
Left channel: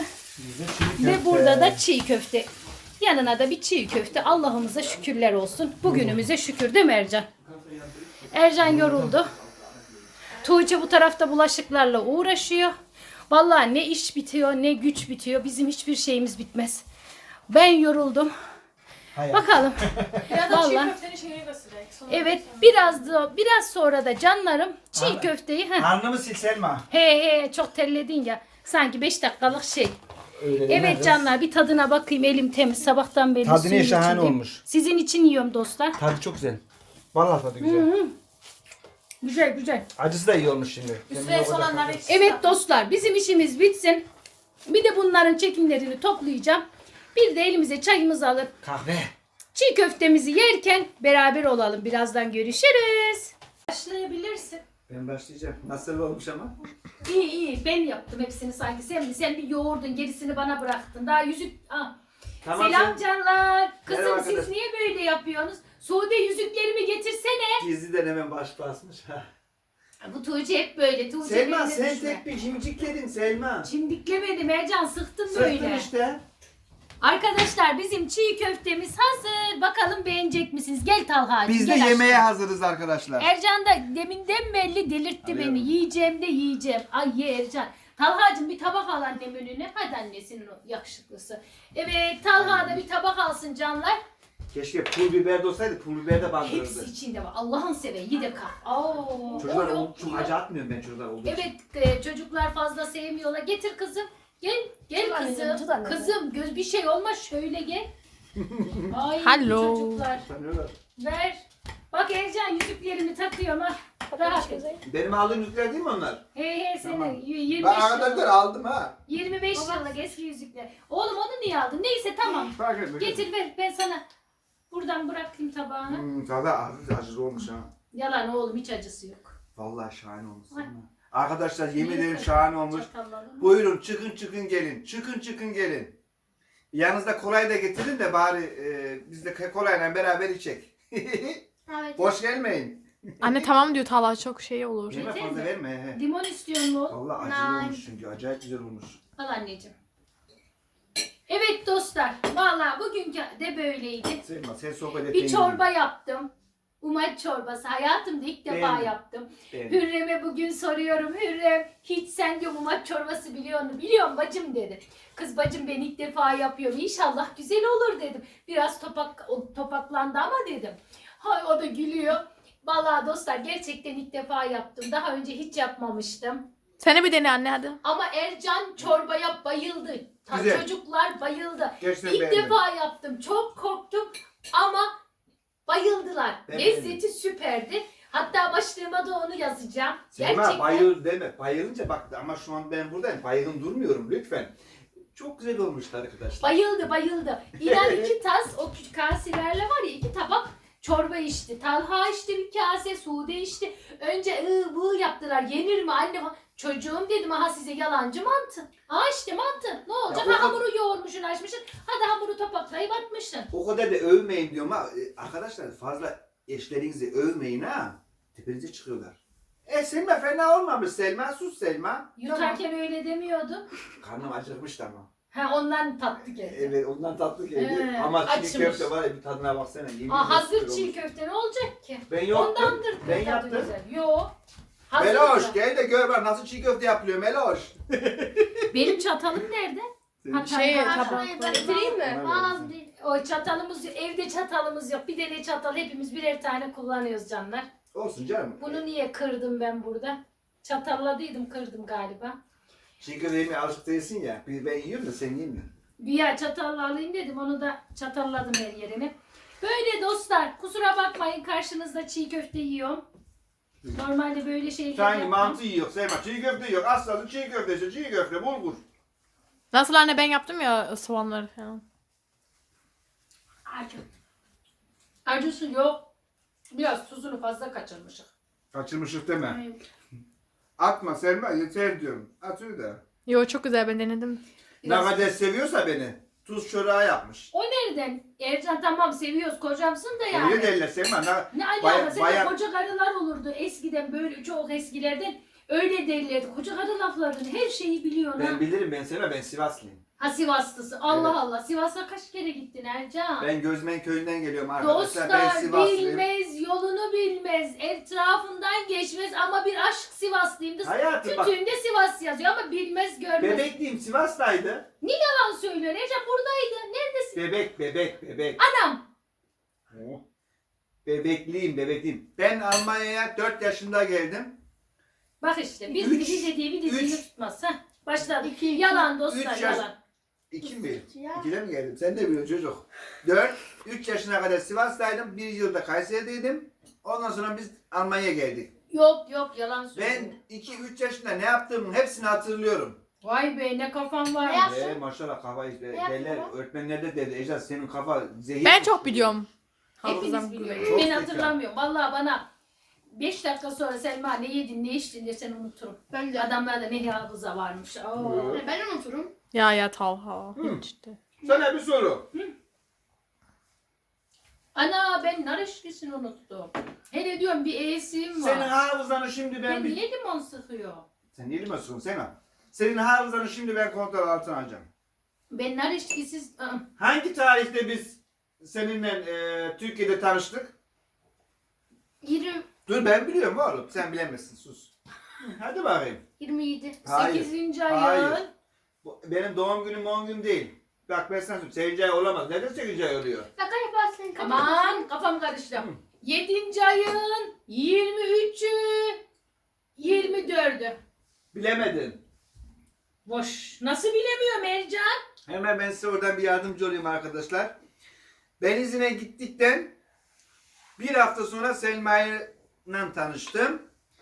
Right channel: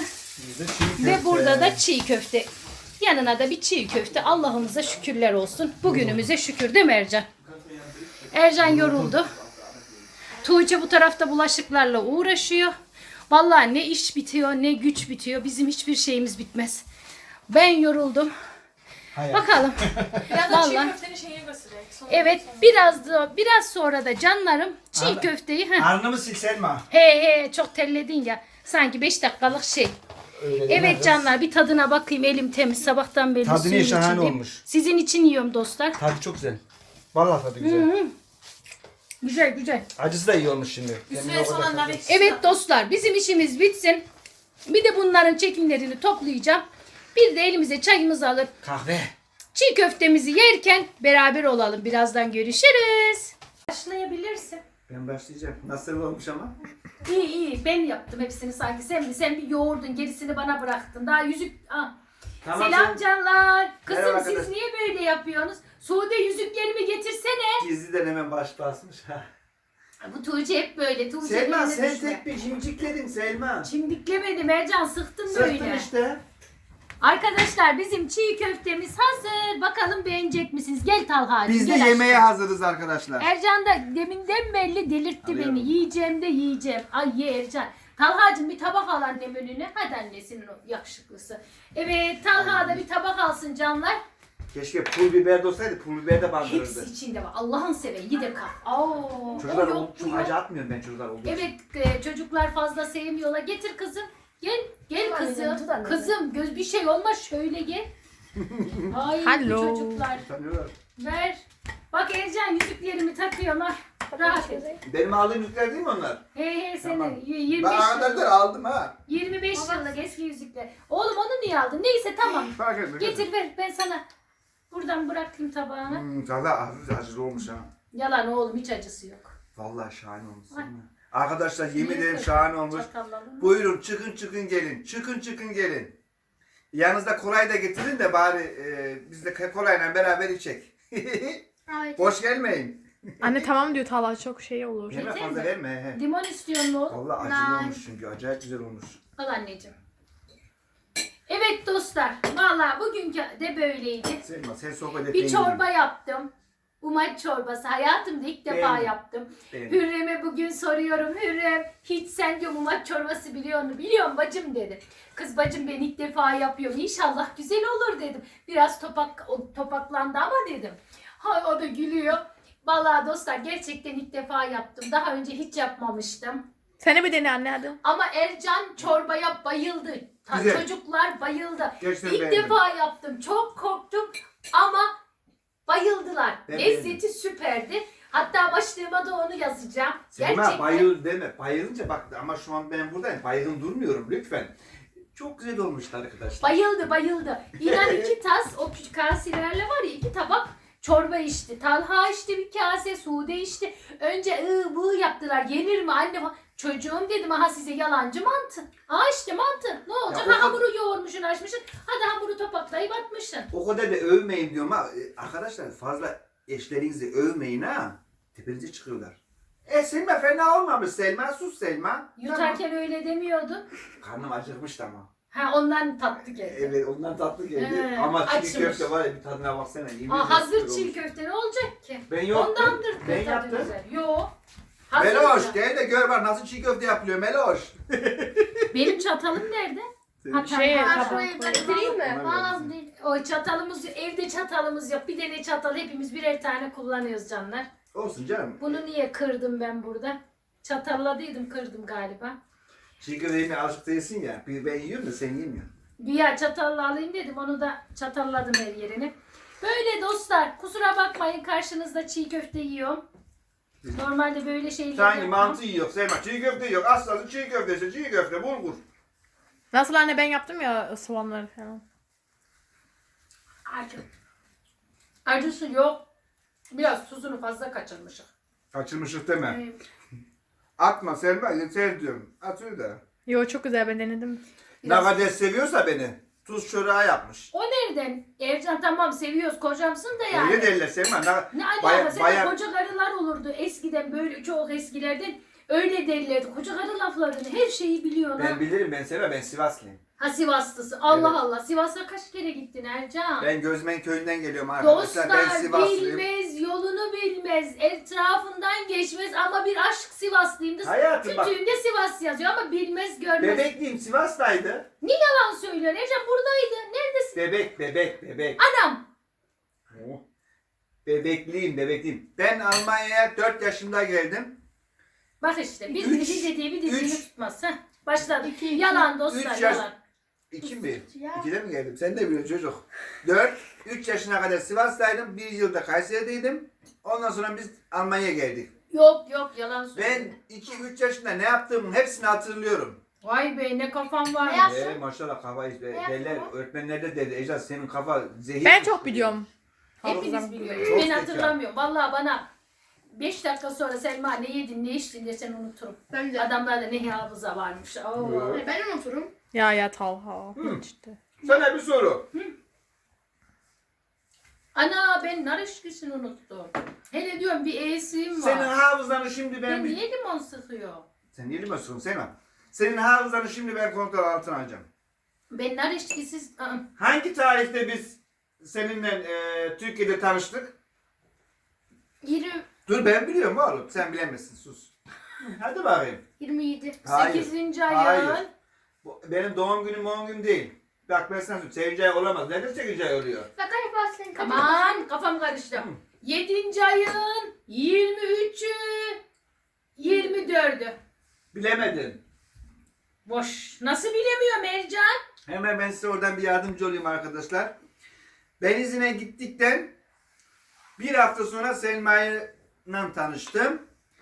[SPEAKER 1] Ve burada da çiğ köfte. Yanına da bir çiğ köfte. Allah'ımıza şükürler olsun. Bugünümüze şükür değil mi Ercan? Ercan yoruldu. Tuğçe bu tarafta bulaşıklarla uğraşıyor. Vallahi ne iş bitiyor ne güç bitiyor. Bizim hiçbir şeyimiz bitmez. Ben yoruldum.
[SPEAKER 2] Hayır.
[SPEAKER 1] Bakalım.
[SPEAKER 3] Biraz da çiğ
[SPEAKER 1] Vallahi.
[SPEAKER 3] köfteni şeye gösterecek. Sonra
[SPEAKER 1] Evet, biraz da biraz sonra da canlarım çiğ köfteyi. Heh.
[SPEAKER 2] Alnımı sil Selma.
[SPEAKER 1] He he çok terledin ya. Sanki beş dakikalık şey.
[SPEAKER 2] Öyle
[SPEAKER 1] Evet canlar, bir tadına bakayım, elim temiz. Sabahtan beri
[SPEAKER 2] Tadı
[SPEAKER 1] suyun
[SPEAKER 2] ne şahane
[SPEAKER 1] içindeyim.
[SPEAKER 2] olmuş.
[SPEAKER 1] Sizin için yiyorum dostlar.
[SPEAKER 2] Tadı çok güzel. Vallahi tadı güzel.
[SPEAKER 1] Güzel güzel.
[SPEAKER 2] Acısı da iyi olmuş şimdi.
[SPEAKER 3] üstüne son anlar ekşi.
[SPEAKER 1] Evet dostlar, bizim işimiz bitsin. Bir de bunların çekimlerini toplayacağım. Bir de elimize çayımızı alır.
[SPEAKER 2] Kahve.
[SPEAKER 1] Çiğ köftemizi yerken beraber olalım. Birazdan görüşürüz. Başlayabilirsin.
[SPEAKER 2] Ben başlayacağım. Nasıl olmuş ama?
[SPEAKER 1] İyi iyi, ben yaptım hepsini sanki. Sen sen bir yoğurdun, gerisini bana bıraktın. Daha yüzük... Aa.
[SPEAKER 2] Tamam,
[SPEAKER 1] Selam canlar. Kızım
[SPEAKER 2] Merhaba
[SPEAKER 1] siz
[SPEAKER 2] arkadaş.
[SPEAKER 1] niye böyle yapıyorsunuz? Sude yüzüklerimi getirsene.
[SPEAKER 2] Gizliden hemen baş basmış.
[SPEAKER 1] Bu Tuğçe hep böyle. Tuğçe
[SPEAKER 2] Selma
[SPEAKER 1] eline
[SPEAKER 2] sen
[SPEAKER 1] düşme.
[SPEAKER 2] tek bir cimcikledin Selma.
[SPEAKER 1] Çimdiklemedim Ercan, sıktım böyle.
[SPEAKER 2] Sıktın işte.
[SPEAKER 1] Arkadaşlar bizim çiğ köftemiz hazır. Bakalım beğenecek misiniz? Gel Talha'cığım.
[SPEAKER 2] Biz de
[SPEAKER 1] gel
[SPEAKER 2] yemeğe
[SPEAKER 1] aşkım.
[SPEAKER 2] hazırız arkadaşlar.
[SPEAKER 1] Ercan da deminden belli delirtti
[SPEAKER 2] Alıyorum.
[SPEAKER 1] beni. Yiyeceğim de yiyeceğim. Ay ye Ercan. Talha'cığım bir tabak al annem önüne. Hadi annesinin o yakışıklısı. Evet Talha da bir tabak alsın canlar.
[SPEAKER 2] Keşke pul biber de olsaydı, pul biber de
[SPEAKER 1] Hepsi
[SPEAKER 2] bandırırdı.
[SPEAKER 1] içinde var. Allah'ın seven gide kal. Oo,
[SPEAKER 2] Çocuklar
[SPEAKER 1] o yok,
[SPEAKER 2] ol-
[SPEAKER 1] bu
[SPEAKER 2] çok
[SPEAKER 1] yok.
[SPEAKER 2] acı atmıyorum ben çocuklar olduğu için.
[SPEAKER 1] Evet e, çocuklar fazla sevmiyorlar. Getir kızım. Gel gel
[SPEAKER 3] Tut anneciğim,
[SPEAKER 1] kızım.
[SPEAKER 3] tut anneciğim.
[SPEAKER 1] Kızım göz bir şey olmaz şöyle gel. Ay
[SPEAKER 3] Hello.
[SPEAKER 1] çocuklar.
[SPEAKER 2] Sanıyorlar.
[SPEAKER 1] Ver. Bak Ercan yüzüklerimi takıyorum ha. Rahat et.
[SPEAKER 2] Benim aldığım yüzükler değil mi onlar?
[SPEAKER 1] He he senin
[SPEAKER 2] Tamam.
[SPEAKER 1] y- yirmi
[SPEAKER 2] Ben
[SPEAKER 1] beş
[SPEAKER 2] arkadaşlar
[SPEAKER 1] yıllık,
[SPEAKER 2] aldım ha.
[SPEAKER 1] yirmi beş yıllık eski yüzükler. Oğlum onu niye aldın? Neyse tamam.
[SPEAKER 2] Fark etme.
[SPEAKER 1] Getir ver ben sana. Buradan bırakayım tabağına.
[SPEAKER 2] Hmm, valla hafif acılı olmuş ha.
[SPEAKER 1] Yalan oğlum hiç acısı yok.
[SPEAKER 2] Vallahi şahane olmuş.
[SPEAKER 1] Ay.
[SPEAKER 2] değil mi? Arkadaşlar yemin
[SPEAKER 1] Nereye
[SPEAKER 2] ederim
[SPEAKER 1] koydun?
[SPEAKER 2] şahane olmuş.
[SPEAKER 1] Çatalladın mı?
[SPEAKER 2] Buyurun çıkın çıkın gelin. Çıkın çıkın gelin. Yanınızda kolay da getirin de bari e, biz de kolayla beraber içek.
[SPEAKER 1] Evet.
[SPEAKER 2] Boş gelmeyin.
[SPEAKER 3] Anne tamam diyor Talha çok şey olur.
[SPEAKER 2] Yeme
[SPEAKER 1] Yeter
[SPEAKER 2] fazla
[SPEAKER 1] mi?
[SPEAKER 2] verme. He.
[SPEAKER 1] Limon istiyor mu oğlum?
[SPEAKER 2] Vallahi acılı
[SPEAKER 1] Nay.
[SPEAKER 2] olmuş çünkü. Acayip güzel olmuş.
[SPEAKER 1] Al anneciğim. Evet dostlar. Vallahi bugünkü de böyleydi.
[SPEAKER 2] Selma sen sohbet et.
[SPEAKER 1] Bir çorba yaptım. Umaç çorbası. Hayatımda ilk defa
[SPEAKER 2] Beğendim.
[SPEAKER 1] yaptım.
[SPEAKER 2] Beğendim.
[SPEAKER 1] Hürrem'e bugün soruyorum. Hürrem hiç sen diyor umaç çorbası biliyor musun? Biliyorum bacım dedi. Kız bacım ben ilk defa yapıyorum. İnşallah güzel olur dedim. Biraz topak o topaklandı ama dedim. Hay o da gülüyor. Vallahi dostlar gerçekten ilk defa yaptım. Daha önce hiç yapmamıştım.
[SPEAKER 3] Seni bir dene anne hadi.
[SPEAKER 1] Ama Ercan çorbaya bayıldı. Ta-
[SPEAKER 2] Güzel.
[SPEAKER 1] Çocuklar bayıldı.
[SPEAKER 2] Gerçekten
[SPEAKER 1] İlk
[SPEAKER 2] beğendim.
[SPEAKER 1] defa yaptım. Çok korktum ama bayıldılar.
[SPEAKER 2] Ben
[SPEAKER 1] Lezzeti
[SPEAKER 2] beğendim.
[SPEAKER 1] süperdi. Hatta başlığıma da onu yazacağım.
[SPEAKER 2] Selma bayıl deme. Bayılınca bak ama şu an ben buradayım. Baygın durmuyorum lütfen. Çok güzel olmuştu arkadaşlar.
[SPEAKER 1] Bayıldı bayıldı. İnan iki tas o küçük kaselerle var ya iki tabak çorba içti. Talha içti bir kase, Sude içti. Önce ıı bığı yaptılar. Yenir mi anne falan. Çocuğum dedim aha size yalancı mantı. Aa işte mantı. Ne olacak?
[SPEAKER 2] Ya o
[SPEAKER 1] Ha,
[SPEAKER 2] kadar-
[SPEAKER 1] hamuru yoğurmuşsun açmışsın. Hadi hamuru topaklayıp atmışsın.
[SPEAKER 2] O kadar da övmeyin diyorum ama e, arkadaşlar fazla eşlerinizi övmeyin ha. Tepenize çıkıyorlar. E Selma fena olmamış Selma. Sus Selma.
[SPEAKER 1] Yutarken öyle demiyordun.
[SPEAKER 2] Tamam. Karnım acıkmış ama.
[SPEAKER 1] Ha ondan tatlı geldi.
[SPEAKER 2] Evet ondan tatlı geldi.
[SPEAKER 1] He,
[SPEAKER 2] ama çiğ
[SPEAKER 1] açmış.
[SPEAKER 2] köfte var ya bir tadına baksana. yemin
[SPEAKER 1] Aa,
[SPEAKER 2] ederim
[SPEAKER 1] hazır
[SPEAKER 2] süper
[SPEAKER 1] çiğ
[SPEAKER 2] olmuş.
[SPEAKER 1] köfte ne olacak ki?
[SPEAKER 2] Ben yaptım.
[SPEAKER 1] Ondandır
[SPEAKER 2] Ben
[SPEAKER 1] tadı
[SPEAKER 2] yaptım.
[SPEAKER 1] güzel. Yo. Hazır
[SPEAKER 2] Meloş
[SPEAKER 1] ya.
[SPEAKER 2] gel de gör bak nasıl çiğ köfte yapılıyor Meloş.
[SPEAKER 1] Benim çatalım nerede? Ha,
[SPEAKER 3] Şey
[SPEAKER 1] tamam.
[SPEAKER 3] tabak koy.
[SPEAKER 1] Getireyim mi?
[SPEAKER 2] Bana
[SPEAKER 1] Aa,
[SPEAKER 2] versin.
[SPEAKER 1] değil. O çatalımız evde çatalımız yok. Bir tane çatal hepimiz birer tane kullanıyoruz canlar.
[SPEAKER 2] Olsun canım.
[SPEAKER 1] Bunu niye kırdım ben burada? Çatalladıydım kırdım galiba.
[SPEAKER 2] Çiğ köfte yemeye alışık değilsin ya. Bir ben yiyorum da sen yemiyorsun.
[SPEAKER 1] Güya çatalla alayım dedim onu da çatalladım her yerini. Böyle dostlar kusura bakmayın karşınızda çiğ köfte yiyorum. Normalde böyle şeyler
[SPEAKER 2] Sanki
[SPEAKER 1] yapmam.
[SPEAKER 2] mantı yiyor Selma. Çiğ köfte yiyor. Aslanın çiğ köfte işte. Çiğ köfte bulgur.
[SPEAKER 3] Nasıl anne ben yaptım ya soğanları falan.
[SPEAKER 1] Acı. Acısı yok. Biraz tuzunu fazla kaçırmışım.
[SPEAKER 2] Kaçırmışlık deme.
[SPEAKER 1] Evet.
[SPEAKER 2] Atma Selma yeter diyorum. Atıyor da.
[SPEAKER 3] Yo çok güzel ben denedim.
[SPEAKER 2] Ne
[SPEAKER 1] Biraz-
[SPEAKER 2] kadar seviyorsa beni. Tuz çöreği yapmış.
[SPEAKER 1] O nereden? Ercan tamam seviyoruz kocamsın da yani.
[SPEAKER 2] Öyle derler Selma. Ne,
[SPEAKER 1] Ne alaka?
[SPEAKER 2] Baya-
[SPEAKER 1] Senin
[SPEAKER 2] baya-
[SPEAKER 1] koca karılar olurdu eskiden böyle çok eskilerden. Öyle derlerdi. Koca karı laflarını her şeyi biliyor.
[SPEAKER 2] ben
[SPEAKER 1] ha.
[SPEAKER 2] bilirim ben Selma. Ben Sivaslıyım.
[SPEAKER 1] Ha Sivaslısın. Allah
[SPEAKER 2] Evet.
[SPEAKER 1] Allah. Sivas'a kaç kere gittin Ercan?
[SPEAKER 2] Ben Gözmen köyünden geliyorum arkadaşlar. Ben
[SPEAKER 1] Dostlar
[SPEAKER 2] Sivaslıyım.
[SPEAKER 1] bilmez, yolunu bilmez, etrafından geçmez ama bir aşk Sivaslıyımdır.
[SPEAKER 2] Hayatım bak.
[SPEAKER 1] Kütüğünde Sivas yazıyor ama bilmez görmez.
[SPEAKER 2] Bebekliyim Sivas'taydı.
[SPEAKER 1] Yalan söylüyor. Ercan buradaydı. Neredesin?
[SPEAKER 2] Bebek bebek bebek.
[SPEAKER 1] Anam.
[SPEAKER 2] Oh. Bebekliyim bebekliyim. Ben Almanya'ya dört yaşında geldim.
[SPEAKER 1] Bak işte bir
[SPEAKER 2] Üç,
[SPEAKER 1] bir dediği bir dediğini
[SPEAKER 2] üç.
[SPEAKER 1] tutmaz. Heh, başladı. yalan dostlar
[SPEAKER 2] üç yaş-
[SPEAKER 1] yalan.
[SPEAKER 2] İki mi? İkiden mi geldim? Sen de biliyorsun çocuk. Dört, üç yaşına kadar Sivas'taydım. Bir yılda Kayseri'deydim. Ondan sonra biz Almanya'ya geldik.
[SPEAKER 1] Yok yok yalan söylüyor.
[SPEAKER 2] Ben iki üç yaşında ne yaptığımın hepsini hatırlıyorum.
[SPEAKER 1] Vay be ne kafam var.
[SPEAKER 4] Ne
[SPEAKER 2] Ee, maşallah kafa işte.
[SPEAKER 4] yaptın
[SPEAKER 2] Derler,
[SPEAKER 4] baba?
[SPEAKER 2] öğretmenler de dedi. Ecaz senin kafa zehir.
[SPEAKER 3] Ben çok biliyorum.
[SPEAKER 1] Hepiniz
[SPEAKER 3] Hafızam
[SPEAKER 1] biliyorsunuz.
[SPEAKER 2] Çok
[SPEAKER 1] Ben
[SPEAKER 2] zeka.
[SPEAKER 1] hatırlamıyorum. Vallahi bana beş dakika sonra Selma ne yedin ne içtin desen unuturum.
[SPEAKER 4] Ben de.
[SPEAKER 1] Adamlarda ne hafıza varmış. Oo.
[SPEAKER 2] Evet.
[SPEAKER 4] Ben unuturum.
[SPEAKER 3] Ya ya Talha.
[SPEAKER 2] Hı.
[SPEAKER 3] İşte.
[SPEAKER 2] Sana bir soru.
[SPEAKER 1] Ana ben nar eşkisini unuttum. Hele diyorum bir eğsiğim var.
[SPEAKER 2] Senin hafızanı şimdi ben
[SPEAKER 1] Ben
[SPEAKER 2] bir...
[SPEAKER 1] niye limon sıkıyor?
[SPEAKER 2] Sen niye limon sıkıyorsun Selma? Senin hafızanı şimdi ben kontrol altına alacağım.
[SPEAKER 1] Ben nar eşkisiz... Aa,
[SPEAKER 2] Hangi tarihte biz seninle e, Türkiye'de tanıştık?
[SPEAKER 1] yirmi,
[SPEAKER 2] Dur ben biliyorum oğlum. Sen bilemezsin sus. Hadi bakayım.
[SPEAKER 1] yirmi yedi.
[SPEAKER 2] Hayır,
[SPEAKER 1] sekizinci ayın.
[SPEAKER 2] hayır. Bu, benim doğum günüm doğum günüm değil. Bak ben sana söyleyeyim. sekizinci ay olamaz. Neden sekizinci ay oluyor?
[SPEAKER 3] Şaka yaparsın.
[SPEAKER 1] Aman kafam karıştı.
[SPEAKER 2] Hı.
[SPEAKER 1] yedinci ayın yirmi üçü, yirmi dördü.
[SPEAKER 2] Bilemedin.
[SPEAKER 1] Boş. Nasıl bilemiyorum Ercan?
[SPEAKER 2] Hemen ben size oradan bir yardımcı olayım arkadaşlar. Ben izine gittikten bir hafta sonra Selma'yla tanıştım.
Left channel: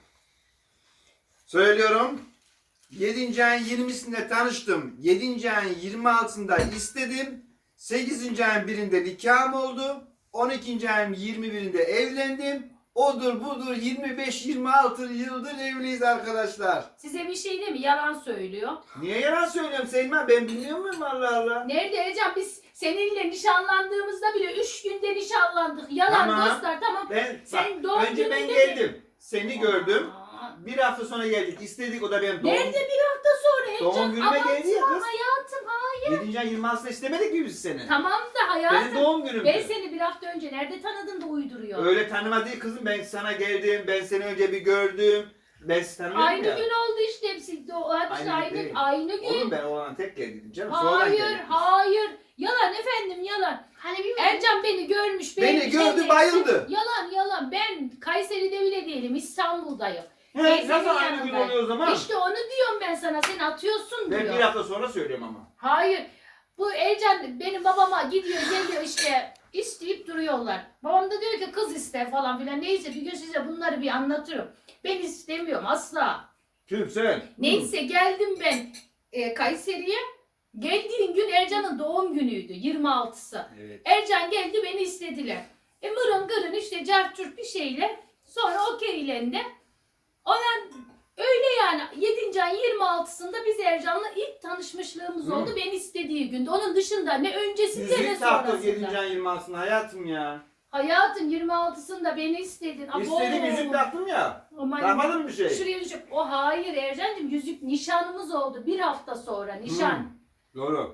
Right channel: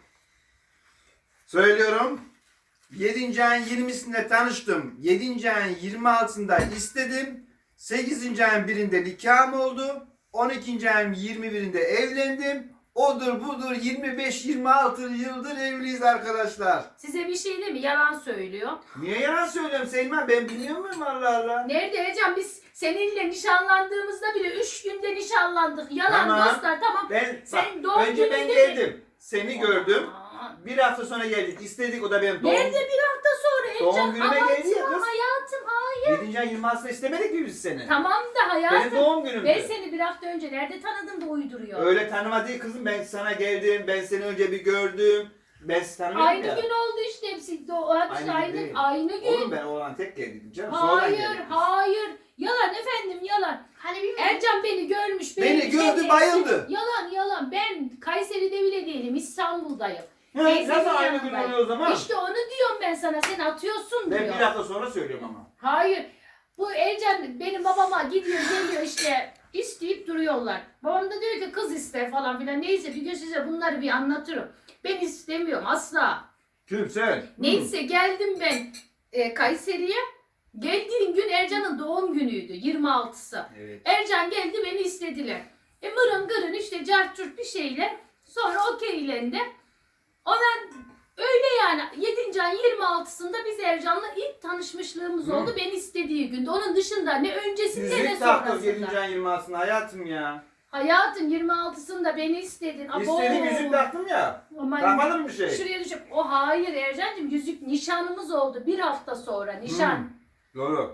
[SPEAKER 2] Söylüyorum. yedinci ayın yirmisinde tanıştım. yedinci ayın yirmi altısında istedim. sekizinci ayın birinde nikahım oldu. on ikinci ayın yirmi birinde evlendim. Odur budur yirmi beş yirmi altı yıldır evliyiz arkadaşlar.
[SPEAKER 1] Size bir şey değil mi? Yalan söylüyor.
[SPEAKER 2] Niye yalan söylüyorum Selma? Ben bilmiyor muyum Allah Allah?
[SPEAKER 1] Nerede Ercan? Biz seninle nişanlandığımızda bile üç günde nişanlandık. Yalan
[SPEAKER 2] Tamam.
[SPEAKER 1] dostlar tamam.
[SPEAKER 2] Ben,
[SPEAKER 1] Sen
[SPEAKER 2] bak,
[SPEAKER 1] doğum
[SPEAKER 2] önce ben
[SPEAKER 1] gününde
[SPEAKER 2] geldim. Seni gördüm.
[SPEAKER 1] Aa,
[SPEAKER 2] Bir hafta sonra geldik. İstedik o da benim doğum.
[SPEAKER 1] Nerede bir hafta sonra Ercan?
[SPEAKER 2] Doğum günüme
[SPEAKER 1] Abartma
[SPEAKER 2] geldi ya kız.
[SPEAKER 1] hayatım. Hayır.
[SPEAKER 2] yedinci ay yirmi altısında istemedik mi biz seni?
[SPEAKER 1] Tamam da
[SPEAKER 2] Benim
[SPEAKER 1] hayatım.
[SPEAKER 2] doğum günümdü.
[SPEAKER 1] Ben seni bir hafta önce nerede tanıdın da uyduruyor.
[SPEAKER 2] Öyle tanıma değil kızım. Ben sana geldim. Ben seni önce bir gördüm. Ben seni tanıyorum
[SPEAKER 1] Aynı
[SPEAKER 2] ya.
[SPEAKER 1] gün oldu işte hepsi. Do- hepsi
[SPEAKER 2] Aynı
[SPEAKER 1] aynı,
[SPEAKER 2] gün değil.
[SPEAKER 1] aynı gün.
[SPEAKER 2] Oğlum ben oğlan tek geldim canım. Sonradan
[SPEAKER 1] Hayır,
[SPEAKER 2] geldik biz.
[SPEAKER 1] hayır. Yalan efendim, yalan.
[SPEAKER 3] Hani bilmiyorum.
[SPEAKER 1] Ercan beni görmüş,
[SPEAKER 2] Beni
[SPEAKER 1] beğenmiş,
[SPEAKER 2] gördü,
[SPEAKER 1] neyse.
[SPEAKER 2] bayıldı.
[SPEAKER 1] Yalan, yalan. Ben Kayseri'de bile değilim, İstanbul'dayım.
[SPEAKER 2] He,
[SPEAKER 1] Teyzemin
[SPEAKER 2] nasıl aynı gün
[SPEAKER 1] yanındayım.
[SPEAKER 2] oluyor o zaman?
[SPEAKER 1] İşte onu diyorum ben sana, sen atıyorsun
[SPEAKER 2] Ben
[SPEAKER 1] diyor.
[SPEAKER 2] bir hafta sonra söylüyorum ama.
[SPEAKER 1] Hayır. Bu Ercan benim babama gidiyor, geliyor işte isteyip duruyorlar. Babam da diyor ki kız iste falan filan. Neyse bir gün size bunları bir anlatırım. Ben istemiyorum asla.
[SPEAKER 2] Kim sen?
[SPEAKER 1] Neyse geldim ben e, Kayseri'ye. Geldiğim gün Ercan'ın doğum günüydü yirmi altısı.
[SPEAKER 2] Hı. Evet.
[SPEAKER 1] Ercan geldi beni istediler. E mırın gırın işte cartçurt bir şeyle sonra okeylendi. Ona öyle yani yedinci ayın yirmi altısında biz Ercan'la ilk tanışmışlığımız
[SPEAKER 2] Hı.
[SPEAKER 1] oldu. Beni istediği günde. Onun dışında ne öncesinde ne
[SPEAKER 2] Yüzük taktık yedinci
[SPEAKER 1] sonrasında.
[SPEAKER 2] ayın yirmi altısında hayatım ya.
[SPEAKER 1] Hayatım yirmi altısında beni istedin. Abo.
[SPEAKER 2] İstedim yüzük taktım ya.
[SPEAKER 1] Aman.
[SPEAKER 2] Takmadın mı bir şey?
[SPEAKER 1] Şuraya düşüp o hayır Ercan'cığım yüzük nişanımız oldu bir hafta sonra nişan.
[SPEAKER 2] Hı. Doğru.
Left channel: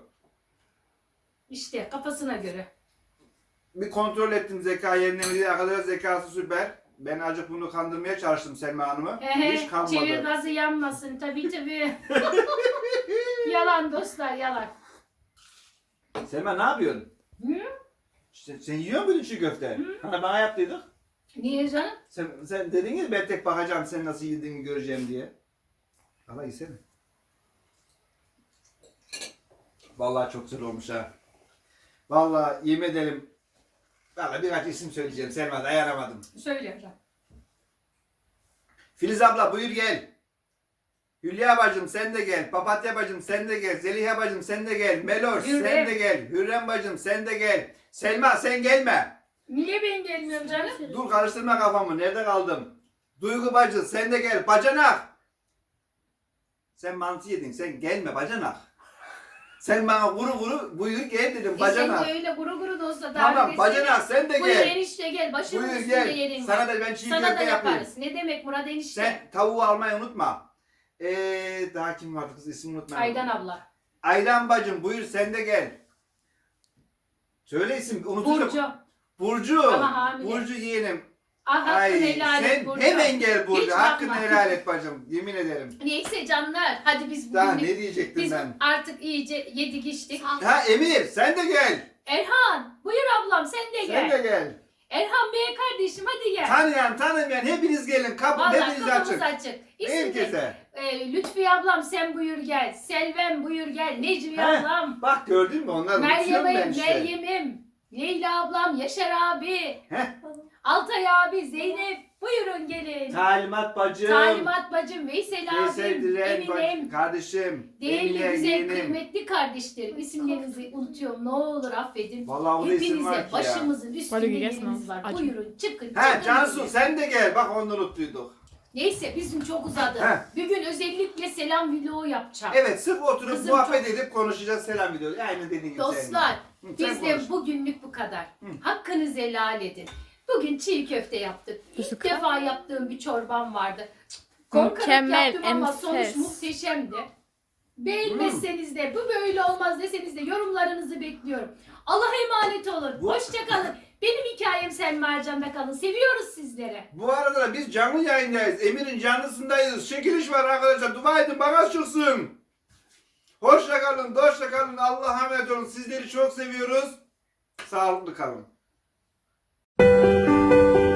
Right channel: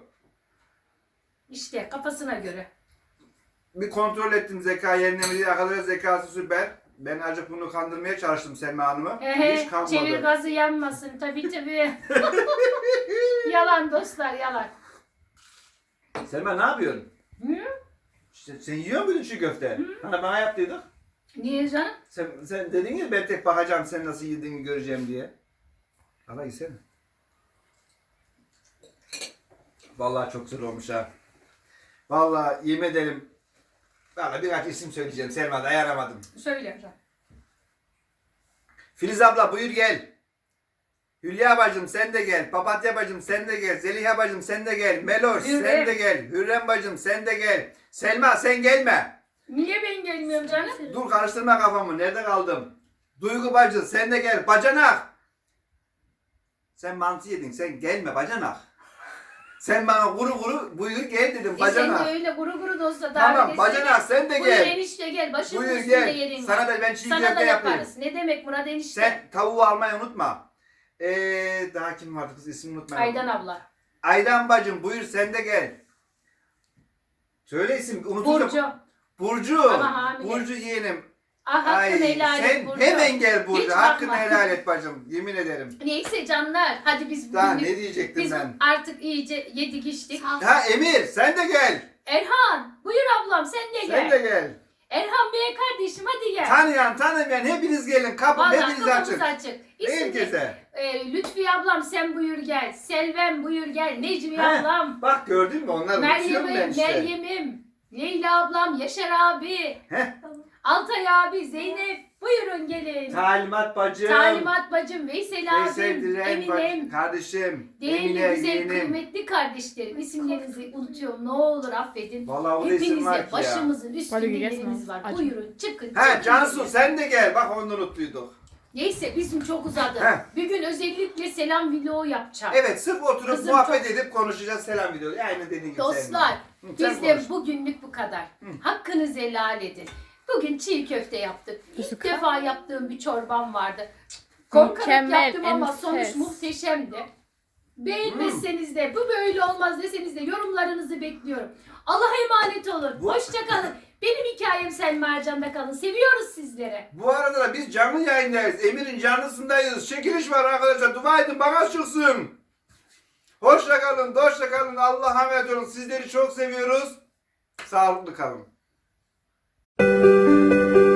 [SPEAKER 1] İşte kafasına göre.
[SPEAKER 2] Bir kontrol ettim zeka yerine mi diye. Arkadaşlar zekası süper. Ben acık bunu kandırmaya çalıştım Selma Hanım'ı.
[SPEAKER 1] Ehe,
[SPEAKER 2] Hiç kalmadı.
[SPEAKER 1] çevir gazı yanmasın tabii tabii. Yalan dostlar yalan.
[SPEAKER 2] Selma ne yapıyorsun?
[SPEAKER 1] Hı?
[SPEAKER 2] Sen, sen yiyor muydun çiğ köfte? Hani bana yaptıydık.
[SPEAKER 1] Niye canım?
[SPEAKER 2] Sen, sen dedin ya ben tek bakacağım sen nasıl yediğini göreceğim diye. Allah yesene. Vallahi çok güzel olmuş ha. Vallahi yemin edelim. Vallahi birkaç isim söyleyeceğim Selma dayanamadım.
[SPEAKER 1] Söyle Ercan.
[SPEAKER 2] Filiz abla buyur gel. Hülya bacım sen de gel. Papatya bacım sen de gel. Zeliha bacım sen de gel. Meloş
[SPEAKER 1] Hürrem.
[SPEAKER 2] sen de gel. Hürrem bacım sen de gel. Selma sen gelme.
[SPEAKER 1] Niye ben gelmiyorum canım?
[SPEAKER 2] Dur karıştırma kafamı. Nerede kaldım? Duygu bacı sen de gel. Bacanak. Sen mantı yedin. Sen gelme bacanak. Sen bana kuru kuru buyur gel dedim
[SPEAKER 1] E sen
[SPEAKER 2] bacanak.
[SPEAKER 1] de öyle guru guru dostlar.
[SPEAKER 2] Tamam bacanak sen de
[SPEAKER 1] Buyur
[SPEAKER 2] gel.
[SPEAKER 1] enişte gel. Başımın
[SPEAKER 2] Buyur
[SPEAKER 1] üstünde
[SPEAKER 2] gel.
[SPEAKER 1] yerin
[SPEAKER 2] Sana
[SPEAKER 1] var.
[SPEAKER 2] da ben çiğ
[SPEAKER 1] Sana da
[SPEAKER 2] köfte yapayım.
[SPEAKER 1] yaparız. Ne demek Murat enişte?
[SPEAKER 2] Sen tavuğu almayı unutma. Ee, daha kim vardı kız ismini unutmayın.
[SPEAKER 1] Aydan abla.
[SPEAKER 2] Aydan bacım buyur sen de gel. Söyle isim unuturum.
[SPEAKER 1] Burcu.
[SPEAKER 2] Burcu.
[SPEAKER 1] Ama hamile.
[SPEAKER 2] Burcu yeğenim.
[SPEAKER 1] Ah hakkını
[SPEAKER 2] Ay
[SPEAKER 1] helal et
[SPEAKER 2] sen
[SPEAKER 1] Burcu.
[SPEAKER 2] hemen gel Burcu.
[SPEAKER 1] Hiç
[SPEAKER 2] Hakkını
[SPEAKER 1] bakma.
[SPEAKER 2] helal et bacım. Yemin ederim.
[SPEAKER 1] Neyse canlar. Hadi biz
[SPEAKER 2] Daha
[SPEAKER 1] bugün
[SPEAKER 2] ne diyecektim
[SPEAKER 1] biz
[SPEAKER 2] ben?
[SPEAKER 1] artık iyice yedik içtik.
[SPEAKER 2] Ha Emir sen de gel.
[SPEAKER 1] Erhan buyur ablam sen de gel.
[SPEAKER 2] Sen de gel.
[SPEAKER 1] Erhan Bey kardeşim hadi gel.
[SPEAKER 2] Tanıyan tanımayan hepiniz gelin. Kapı
[SPEAKER 1] Vallahi
[SPEAKER 2] hepiniz
[SPEAKER 1] kapımız
[SPEAKER 2] açık.
[SPEAKER 1] açık. İsimli,
[SPEAKER 2] Herkese.
[SPEAKER 1] e, Lütfiye ablam sen buyur gel. Selvem buyur gel. Necmi
[SPEAKER 2] He,
[SPEAKER 1] ablam.
[SPEAKER 2] Bak gördün mü onları unutuyorum ben
[SPEAKER 1] Meryem'im,
[SPEAKER 2] işte.
[SPEAKER 1] Meryem'im. Leyla ablam, Yaşar abi.
[SPEAKER 2] Heh.
[SPEAKER 1] Altay abi, Zeynep. Buyurun gelin.
[SPEAKER 2] Talimat bacım.
[SPEAKER 1] Talimat bacım, Veysel
[SPEAKER 2] Veysel
[SPEAKER 1] abim,
[SPEAKER 2] Diren bacım.
[SPEAKER 1] Eminem.
[SPEAKER 2] Kardeşim.
[SPEAKER 1] Değerli,
[SPEAKER 2] Emine
[SPEAKER 1] güzel,
[SPEAKER 2] yeğenim.
[SPEAKER 1] kıymetli kardeşlerim. İsimlerinizi unutuyorum. Ne olur affedin.
[SPEAKER 2] Vallahi o da isim var
[SPEAKER 1] Hepinize
[SPEAKER 2] ki ya.
[SPEAKER 1] başımızın üstünde
[SPEAKER 3] Hadi
[SPEAKER 1] yeriniz
[SPEAKER 3] gelsin
[SPEAKER 1] var.
[SPEAKER 3] acı.
[SPEAKER 1] Buyurun çıkın.
[SPEAKER 2] He
[SPEAKER 1] çıkın
[SPEAKER 2] Cansu
[SPEAKER 1] gelin.
[SPEAKER 2] sen de gel. Bak onu unuttuyduk.
[SPEAKER 1] Neyse bizim çok uzadı.
[SPEAKER 2] He.
[SPEAKER 1] Bir gün özellikle selam video yapacağım.
[SPEAKER 2] Evet sırf oturup
[SPEAKER 1] Kızım
[SPEAKER 2] muhabbet
[SPEAKER 1] çok-
[SPEAKER 2] edip konuşacağız selam video. Aynen dediğin gibi.
[SPEAKER 1] Dostlar
[SPEAKER 2] Selma. Hı, sen
[SPEAKER 1] bizde
[SPEAKER 2] konuş.
[SPEAKER 1] bugünlük bu kadar.
[SPEAKER 2] Hı.
[SPEAKER 1] Hakkınızı helal edin. Bugün çiğ köfte yaptık. İlk
[SPEAKER 3] Üzüka.
[SPEAKER 1] defa yaptığım bir çorbam vardı. Korkarak
[SPEAKER 3] Mükemmel,
[SPEAKER 1] yaptım ama
[SPEAKER 3] enfes.
[SPEAKER 1] sonuç muhteşemdi. Beğenmezseniz de bu böyle olmaz deseniz de yorumlarınızı bekliyorum. Allah'a emanet olun.
[SPEAKER 2] Bu-
[SPEAKER 1] Hoşça kalın. Benim hikayem Selma Ercan'da kalın. Seviyoruz sizleri.
[SPEAKER 2] Bu arada da biz canlı yayındayız. Emir'in canlısındayız. Çekiliş var arkadaşlar. Dua edin bana çıksın. Hoşça kalın, hoşça kalın. Allah'a emanet olun. Sizleri çok seviyoruz. Sağlıklı kalın.